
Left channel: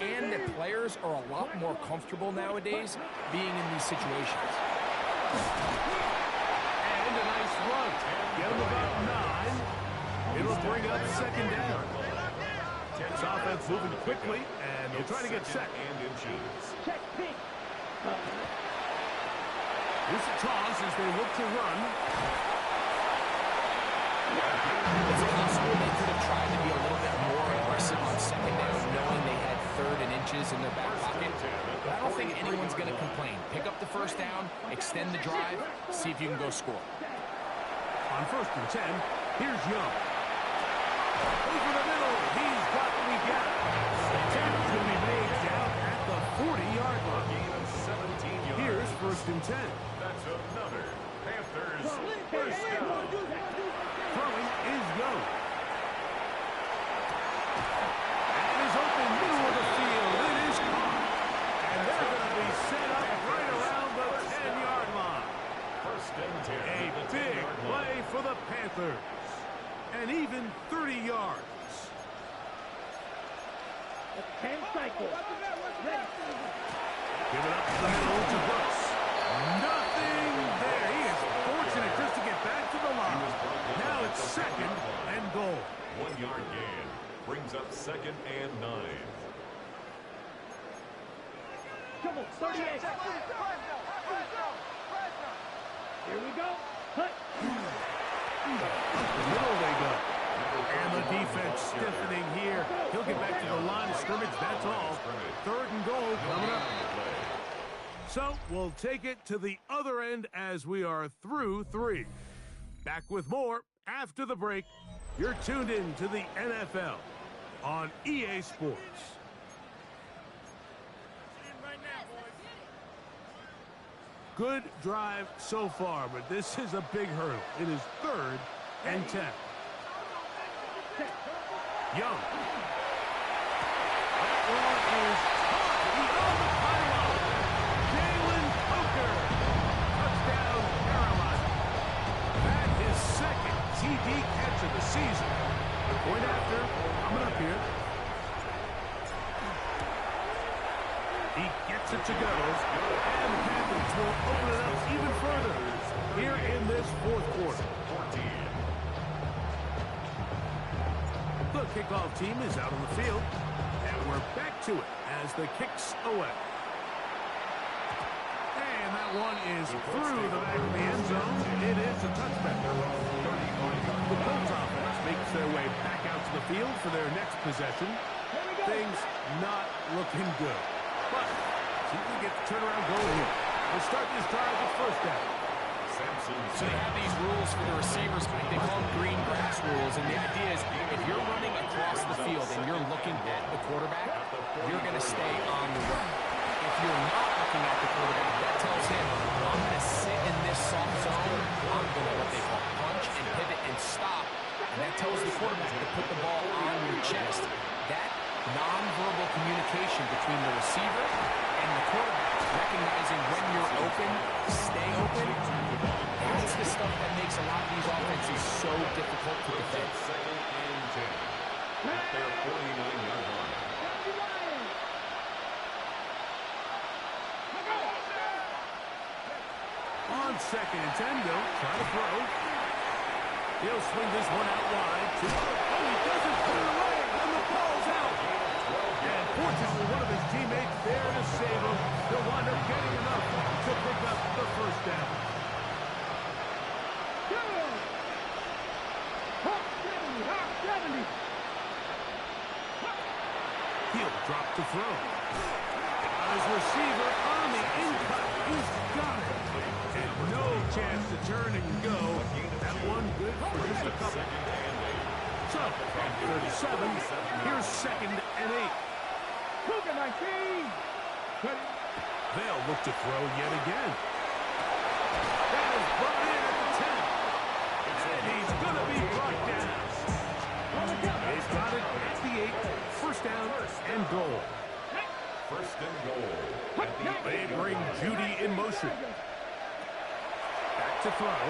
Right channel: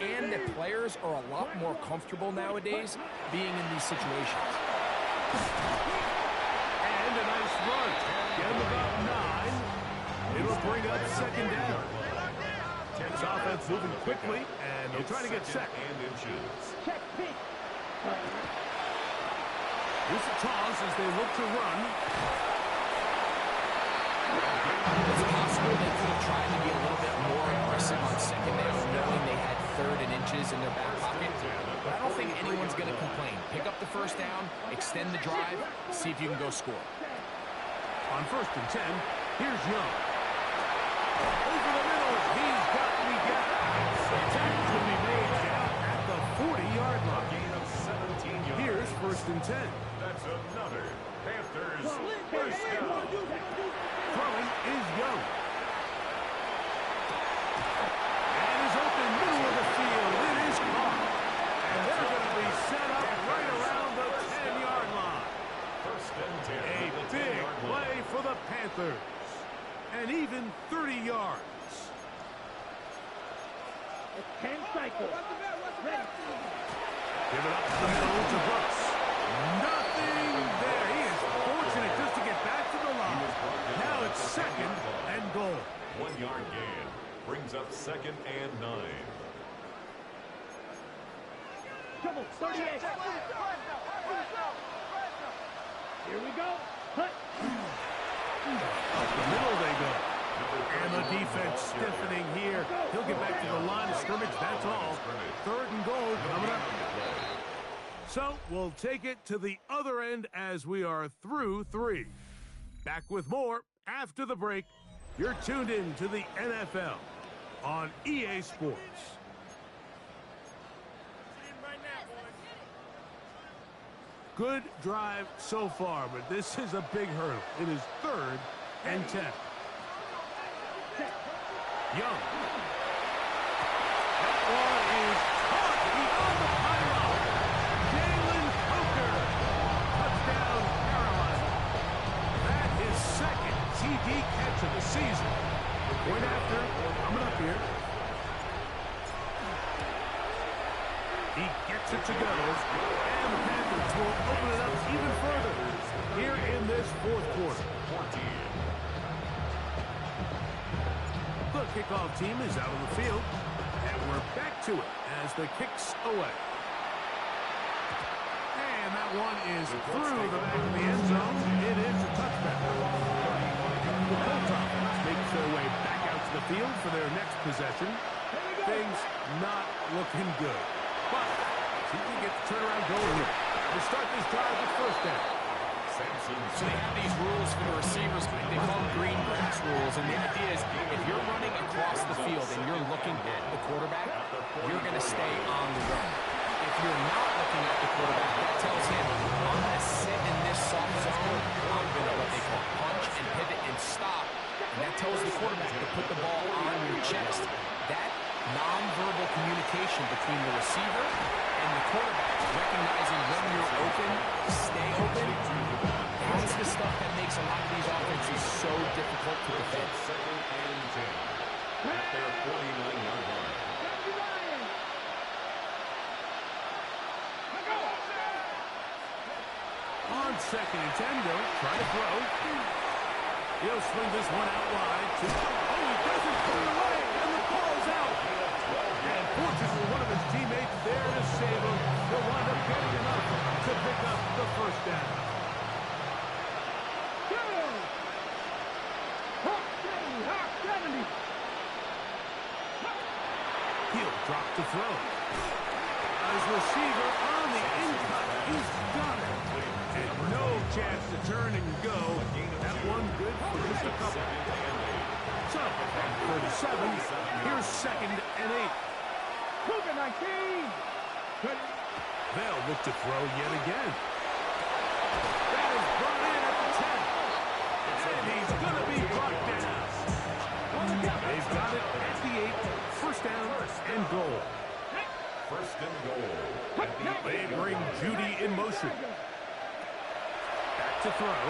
and the players are a lot more comfortable nowadays being in these situations. And a nice run. Get him about 9. It'll bring up 2nd down. This offense moving quickly, and they'll try to get set. Check pink. Here's a toss as they look to run. It's possible they could have tried to be a little bit more aggressive on 2nd down, knowing they had 3rd and inches in their back pocket. But I don't think anyone's going to complain. Pick up the 1st down, extend the drive, see if you can go score. On 1st and 10, here's Young. Over the middle, he's got what we got. The attack's going to be made down at the 40-yard line. Gain of 17 yards. Here's 1st and 10. That's another Panthers 1st down. Throwing is Young. And is open middle of the field. It is caught. And they're going to be set up right around the 10-yard line. 1st and 10. A big play for the Panthers. And even 30 yards. 10 cycles. Ready. Give it up the middle to Brooks. Nothing there. He is fortunate just to get back to the line. Now it's 2nd and goal. 1-yard gain. Brings up 2nd and 9. Come on, 38. Here we go. Hut. Up the middle they go. And the defense stiffening here. He'll get back to the line of scrimmage. That's all. 3rd and goal coming up. So we'll take it to the other end as we are through 3. Back with more after the break. You're tuned in to the NFL on EA Sports. Good drive so far, but this is a big hurdle. It is 3rd and 10. Young. That one is caught beyond the pylon. Jalen Coker. Touchdown, Carolina. That is 2nd TD catch of the season. The point after, coming up here. He gets it to go, and the Panthers will open it up even further here in this 4th quarter. The kickoff team is out on the field, and we're back to it as the kick's away. And that one is through the back of the end zone. It is a touchback. The Colts offense makes their way back out to the field for their next possession. Things not looking good. But see if we get the turnaround going here. We'll start this drive with 1st down. So they have these rules for the receivers, Mike. They call them green grass rules. And the idea is if you're running across the field and you're looking at the quarterback, you're going to stay on the run. If you're not looking at the quarterback, that tells him, I'm going to sit in this soft zone. I'm going to what they call punch and pivot and stop. And that tells the quarterback to put the ball on your chest. That nonverbal communication between the receiver and the quarterback, recognizing when you're open, stay open, that's the stuff that makes a lot of these offenses so difficult to defend. 2nd and 10 at their 49-yard line. On 2nd and 10, they'll try to throw. He'll swing this one out wide. Oh, he doesn't put it away, and the ball's out. And fortunately, one of his teammates there to save him. He'll wind up getting enough to pick up the 1st down. Hawk 70, Hawk 70. He'll drop to throw. His receiver on the in-cut. He's got it. And no chance to turn and go. That one good for just a couple. So, at 37, here's 2nd and 8. Cougar 19. They'll look to throw yet again. That is brought in at the 10. And he's going to be brought down. They've got it at the 8. 1st down and goal. 1st and goal. They bring Judy in motion. Back to throw.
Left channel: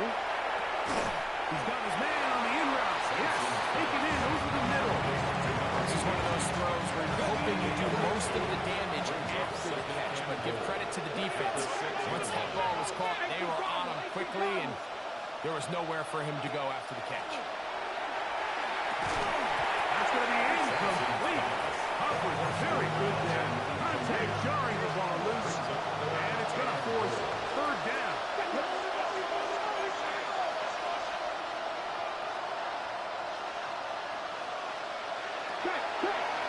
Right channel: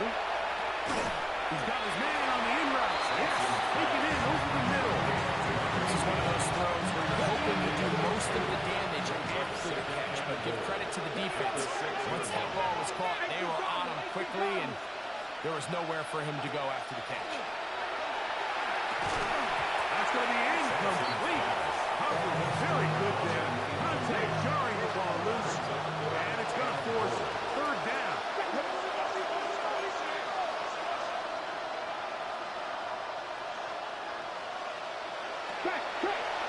He's got his man on the in route. Yes, taken in over the middle. This is one of those throws where you're hoping you do most of the damage after the catch, but give credit to the defense. Once that ball was caught, they were on him quickly, and there was nowhere for him to go after the catch. That's going to be incomplete. Coverage very good there. Contact jarring the ball loose, and it's going to force 3rd down.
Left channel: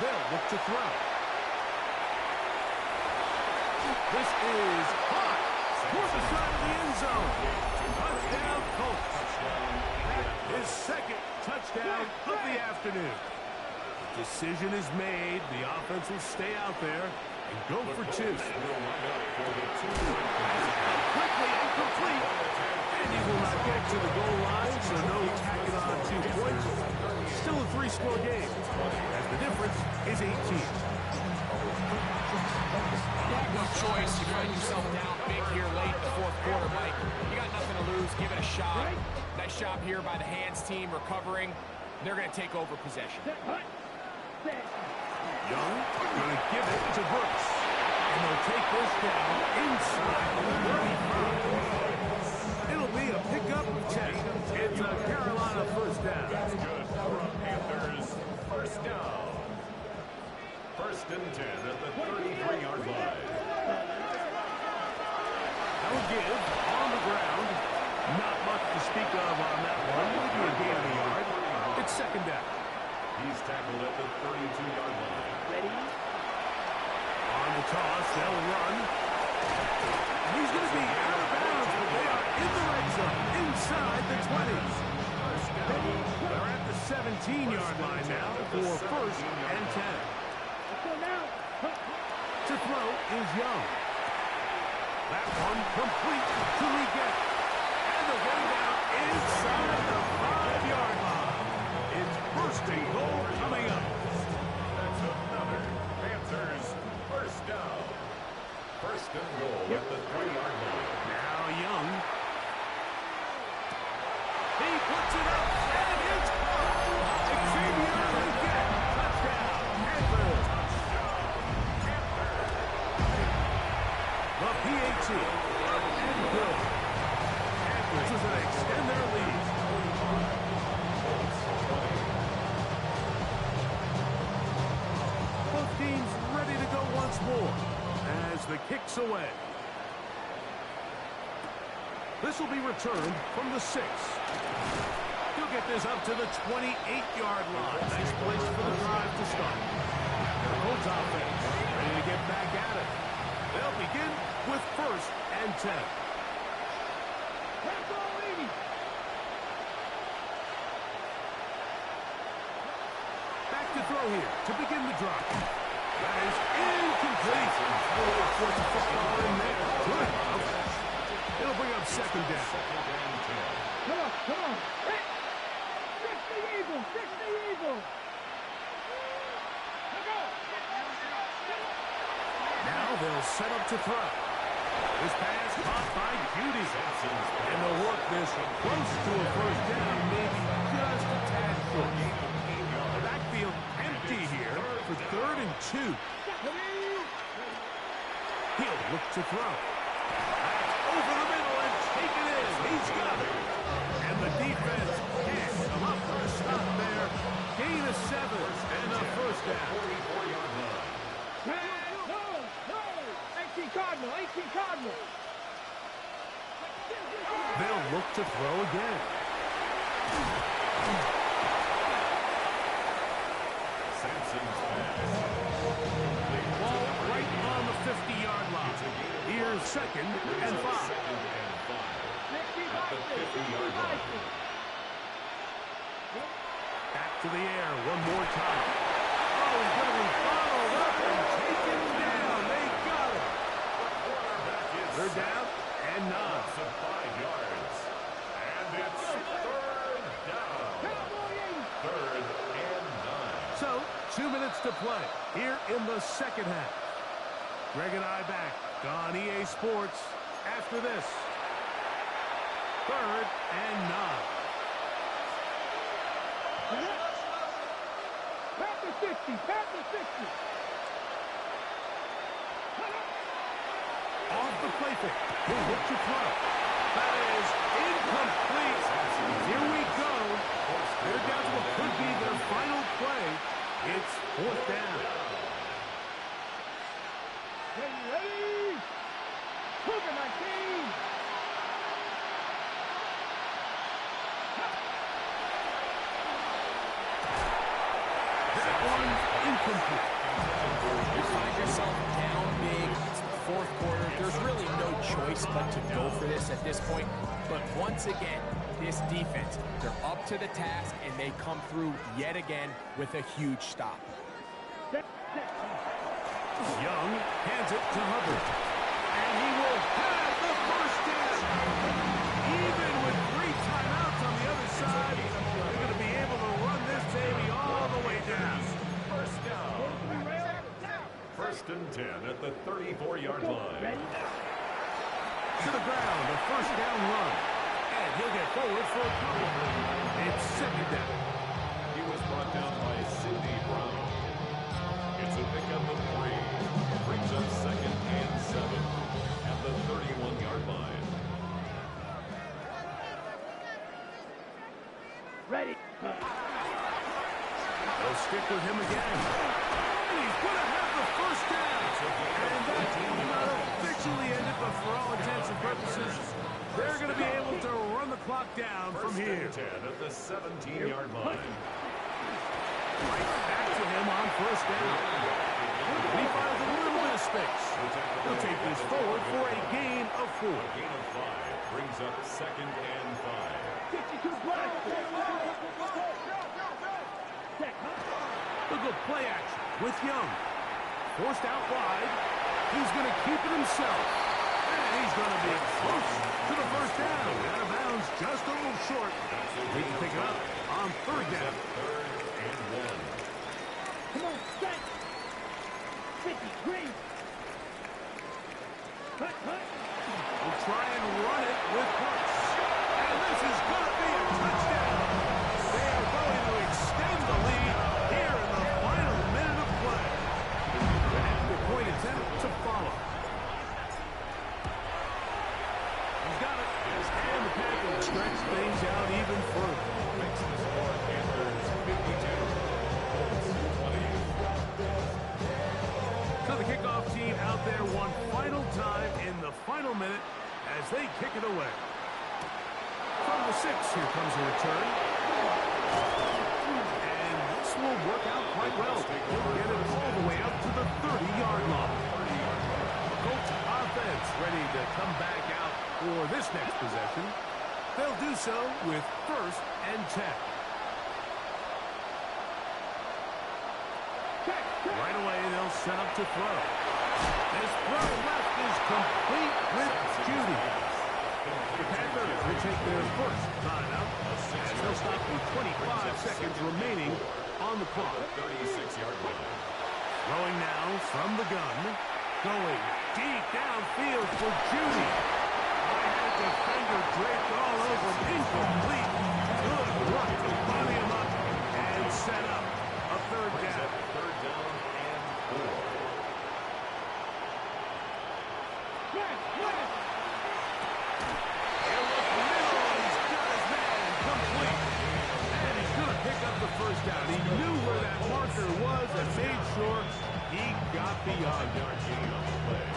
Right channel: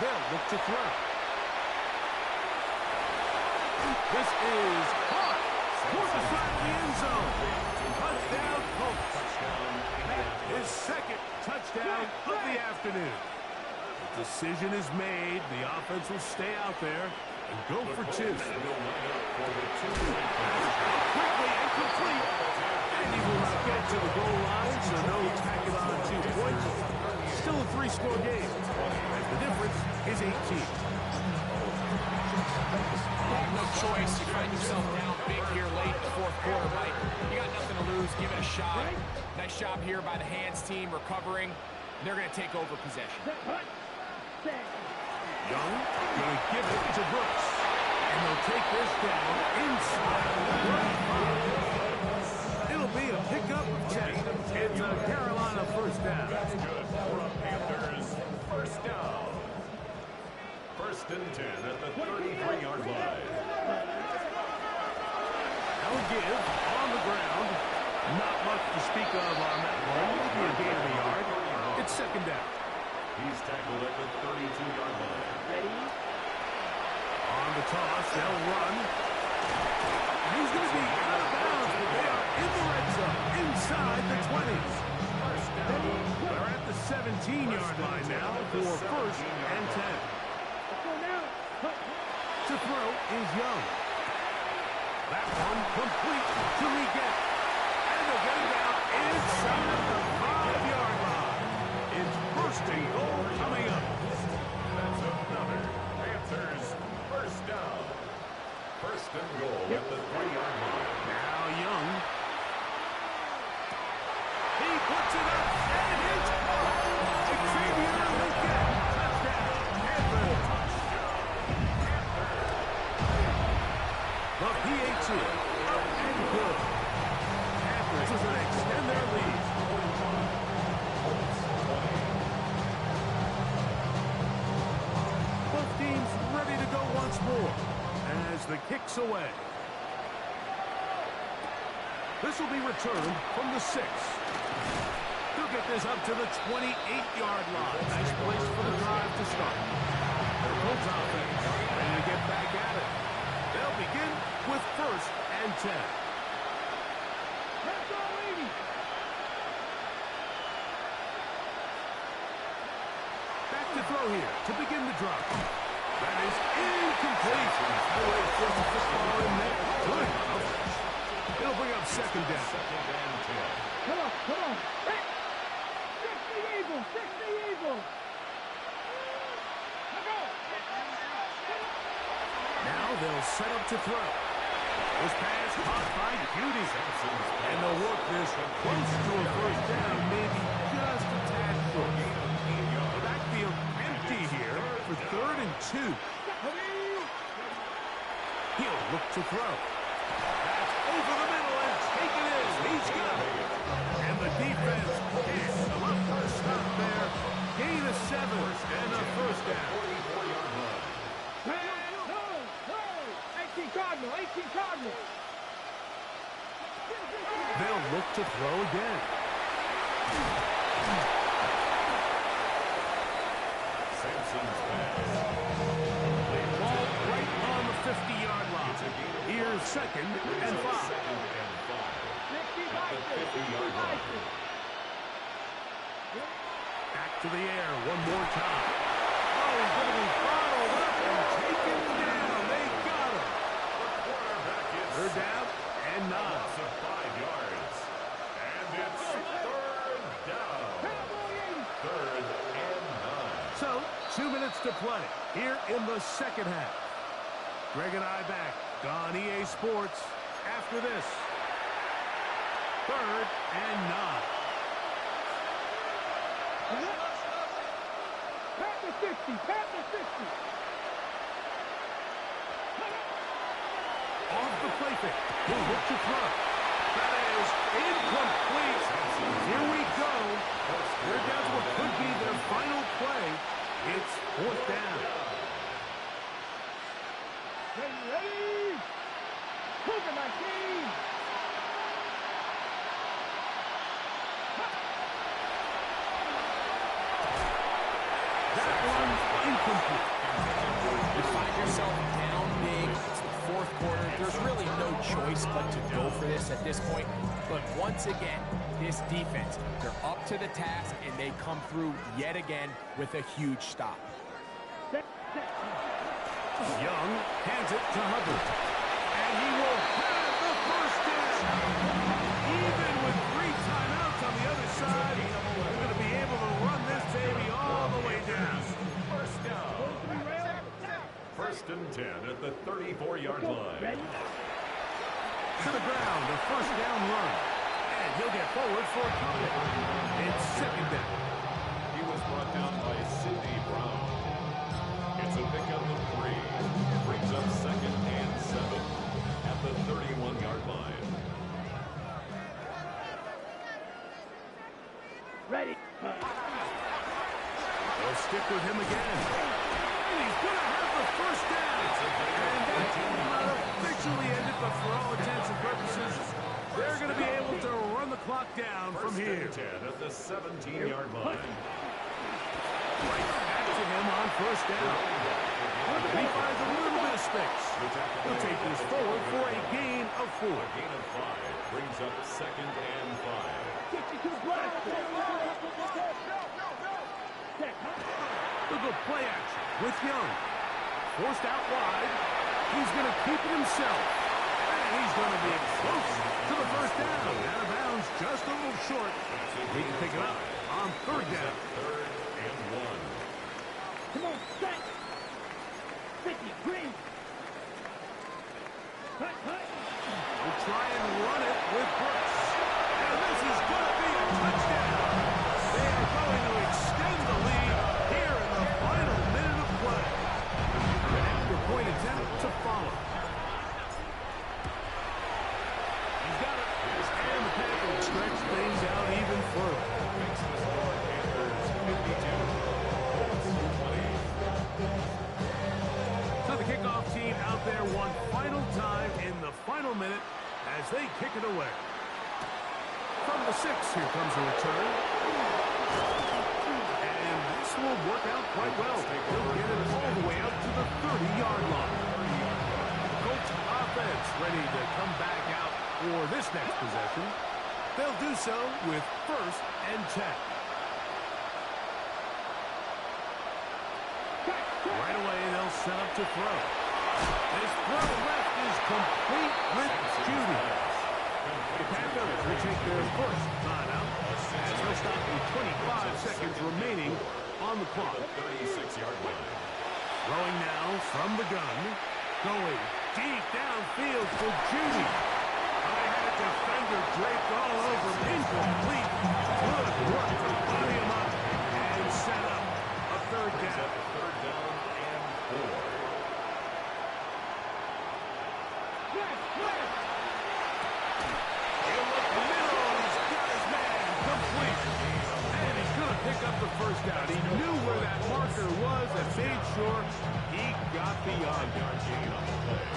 They'll look to throw. This is hot toward the side of the end zone. Touchdown, Colts. That is 2nd touchdown of the afternoon. The decision is made. The offense will stay out there and go for 2. That's out quickly and complete. And he will not get to the goal line, so no tacking on 2 points. Still a 3-score game, as the difference is 18. You have no choice. You find yourself down big here late in the 4th quarter, Mike. You got nothing to lose. Give it a shot. Nice job here by the hands team recovering. They're going to take over possession. Young going to give it to Brooks. And they'll take this down inside the 35. It'll be a pickup of 10. It's a Carolina 1st down. That's good for a Panthers 1st down. 1st and 10 at the 33-yard line. Now give on the ground. Not much to speak of on that one. Maybe a gain of a yard. It's 2nd down. He's tackled at the 32-yard line. Ready? On the toss, they'll run. And he's going to be out of bounds, but they are in the red zone, inside the 20s. They're at the 17-yard line now for 1st and 10. Let's go now. To throw is Young. That one complete to Leggett. And they'll get him down inside the 5-yard line. It's first and goal coming up. That's another Panthers first down. First and goal at the 3-yard line. Now Young. He puts it up, and it's caught. Xavier Leggett, touchdown, Panthers. The PAT, up and good. Panthers is going to extend their lead. Both teams ready to go once more as the kick's away. This will be returned from the 6. He'll get this up to the 28-yard line. Nice place for the drive to start. Their Colts offense ready to get back at it. They'll begin with 1st and 10. Press all 80. Back to throw here to begin the drop. That is incomplete. No way to force the football in there. Good. It'll bring up 2nd down. Come on, come on. Hey! 60 Eagles, 60 Eagles. Let's go. Now they'll set up to throw. This pass caught by Cutie. And they'll work this close to a 1st down, maybe just a tad short. The backfield empty here for 3rd and 2. He'll look to throw. That's over the middle and taken in. He's got it. And the defense can't come up for a stop there. Gain of 7 and a 1st down. 44-yard line. No, no. 18 Cardinal, 18 Cardinal. They'll look to throw again. Sampson's pass. Ball right on the 50-yard line. Here's 2nd and 5. Second and 5. At the 50-yard line. Back to the air one more time. Oh, he's going to be followed up and taken down. They got him. The quarterback is They're down and 9. loss of 5 yards. And it's 3rd down. 3rd and 9. So, 2 minutes to play here in the 2nd half. Greg and I back on EA Sports after this. 3rd and 9. Panther 60, Panther 60. Off the play fake. He'll look to throw. That is incomplete. Here we go. They're down to what could be their final play. It's 4th down. Ready? Cougar 19. That one incomplete. You find yourself down big. It's the 4th quarter. There's really no choice but to go for this at this point. But once again, this defense, they're up to the task, and they come through yet again with a huge stop. Young hands it to Hubbard. And he will have the 1st down. Even with 3 timeouts on the other side, they're going to be able to run this baby all the way down. 1st down. 1st and 10 at the 34-yard line. To the ground, a 1st down run. And he'll get forward for a couple. It's 2nd down. He was brought down by Sidney Brown. It's a pickup of 3. Brings up 2nd and 7 at the 31-yard line. Ready. They'll stick with him again. And he's going to have the 1st down. And that will not officially end it, but for all intents and purposes, they're going to be able to run the clock down from here. 1st and 10 at the 17-yard line. Right back to him on 1st down. And he finds a little bit of space. He'll take this forward for a gain of 4. A gain of 5 brings up 2nd and 5. Get you to the block. They'll go play action with Young. Forced out wide. He's going to keep it himself. And he's close to the first down. Out of bounds, just a little short. He can pick it up on third down. Third and 1. Come on, set. 50, green. Cut. We'll try and run it with Brooks. And this is going to be a touchdown. They are going to extend the lead here in the final minute of play. An extra point attempt to follow. He's got it. And the Packers stretch things out even further. Makes the score Panthers 52. Colts 20. So the kickoff team out there one final time in the final minute as they kick it away. From the 6, here comes a return. And this will work out quite well. He'll get it all the way out to the 30-yard line. Colts offense ready to come back out for this next possession. They'll do so with 1st and 10. Right away, they'll set up to throw. This throw left is complete with Judy. The Panthers will take their first timeout as they'll stop with 25 seconds remaining on the clock. 36-yard line. Throwing now from the gun. Going deep downfield for Judy. I had a defender draped all over him. Incomplete. Good work to body him up and set up a third down. Third down and 4. He'll look middle, and he's got his man complete. And he's going to pick up the first down. He knew where that marker was and made sure he got beyond it. 5-yard gain on the play.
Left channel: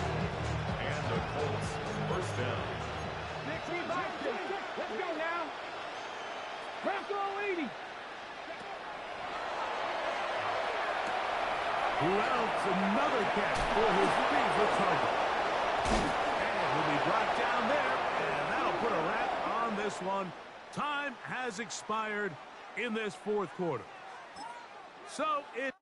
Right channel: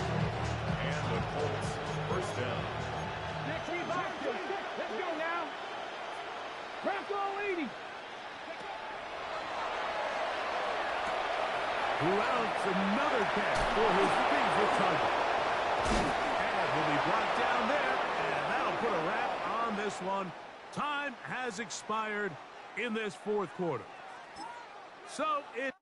And the Colts first down. Let's go now. Bronco 80. Who else? Another catch for his favorite target. And will be brought down there, and that'll put a wrap on this one. Time has expired in this fourth quarter. So it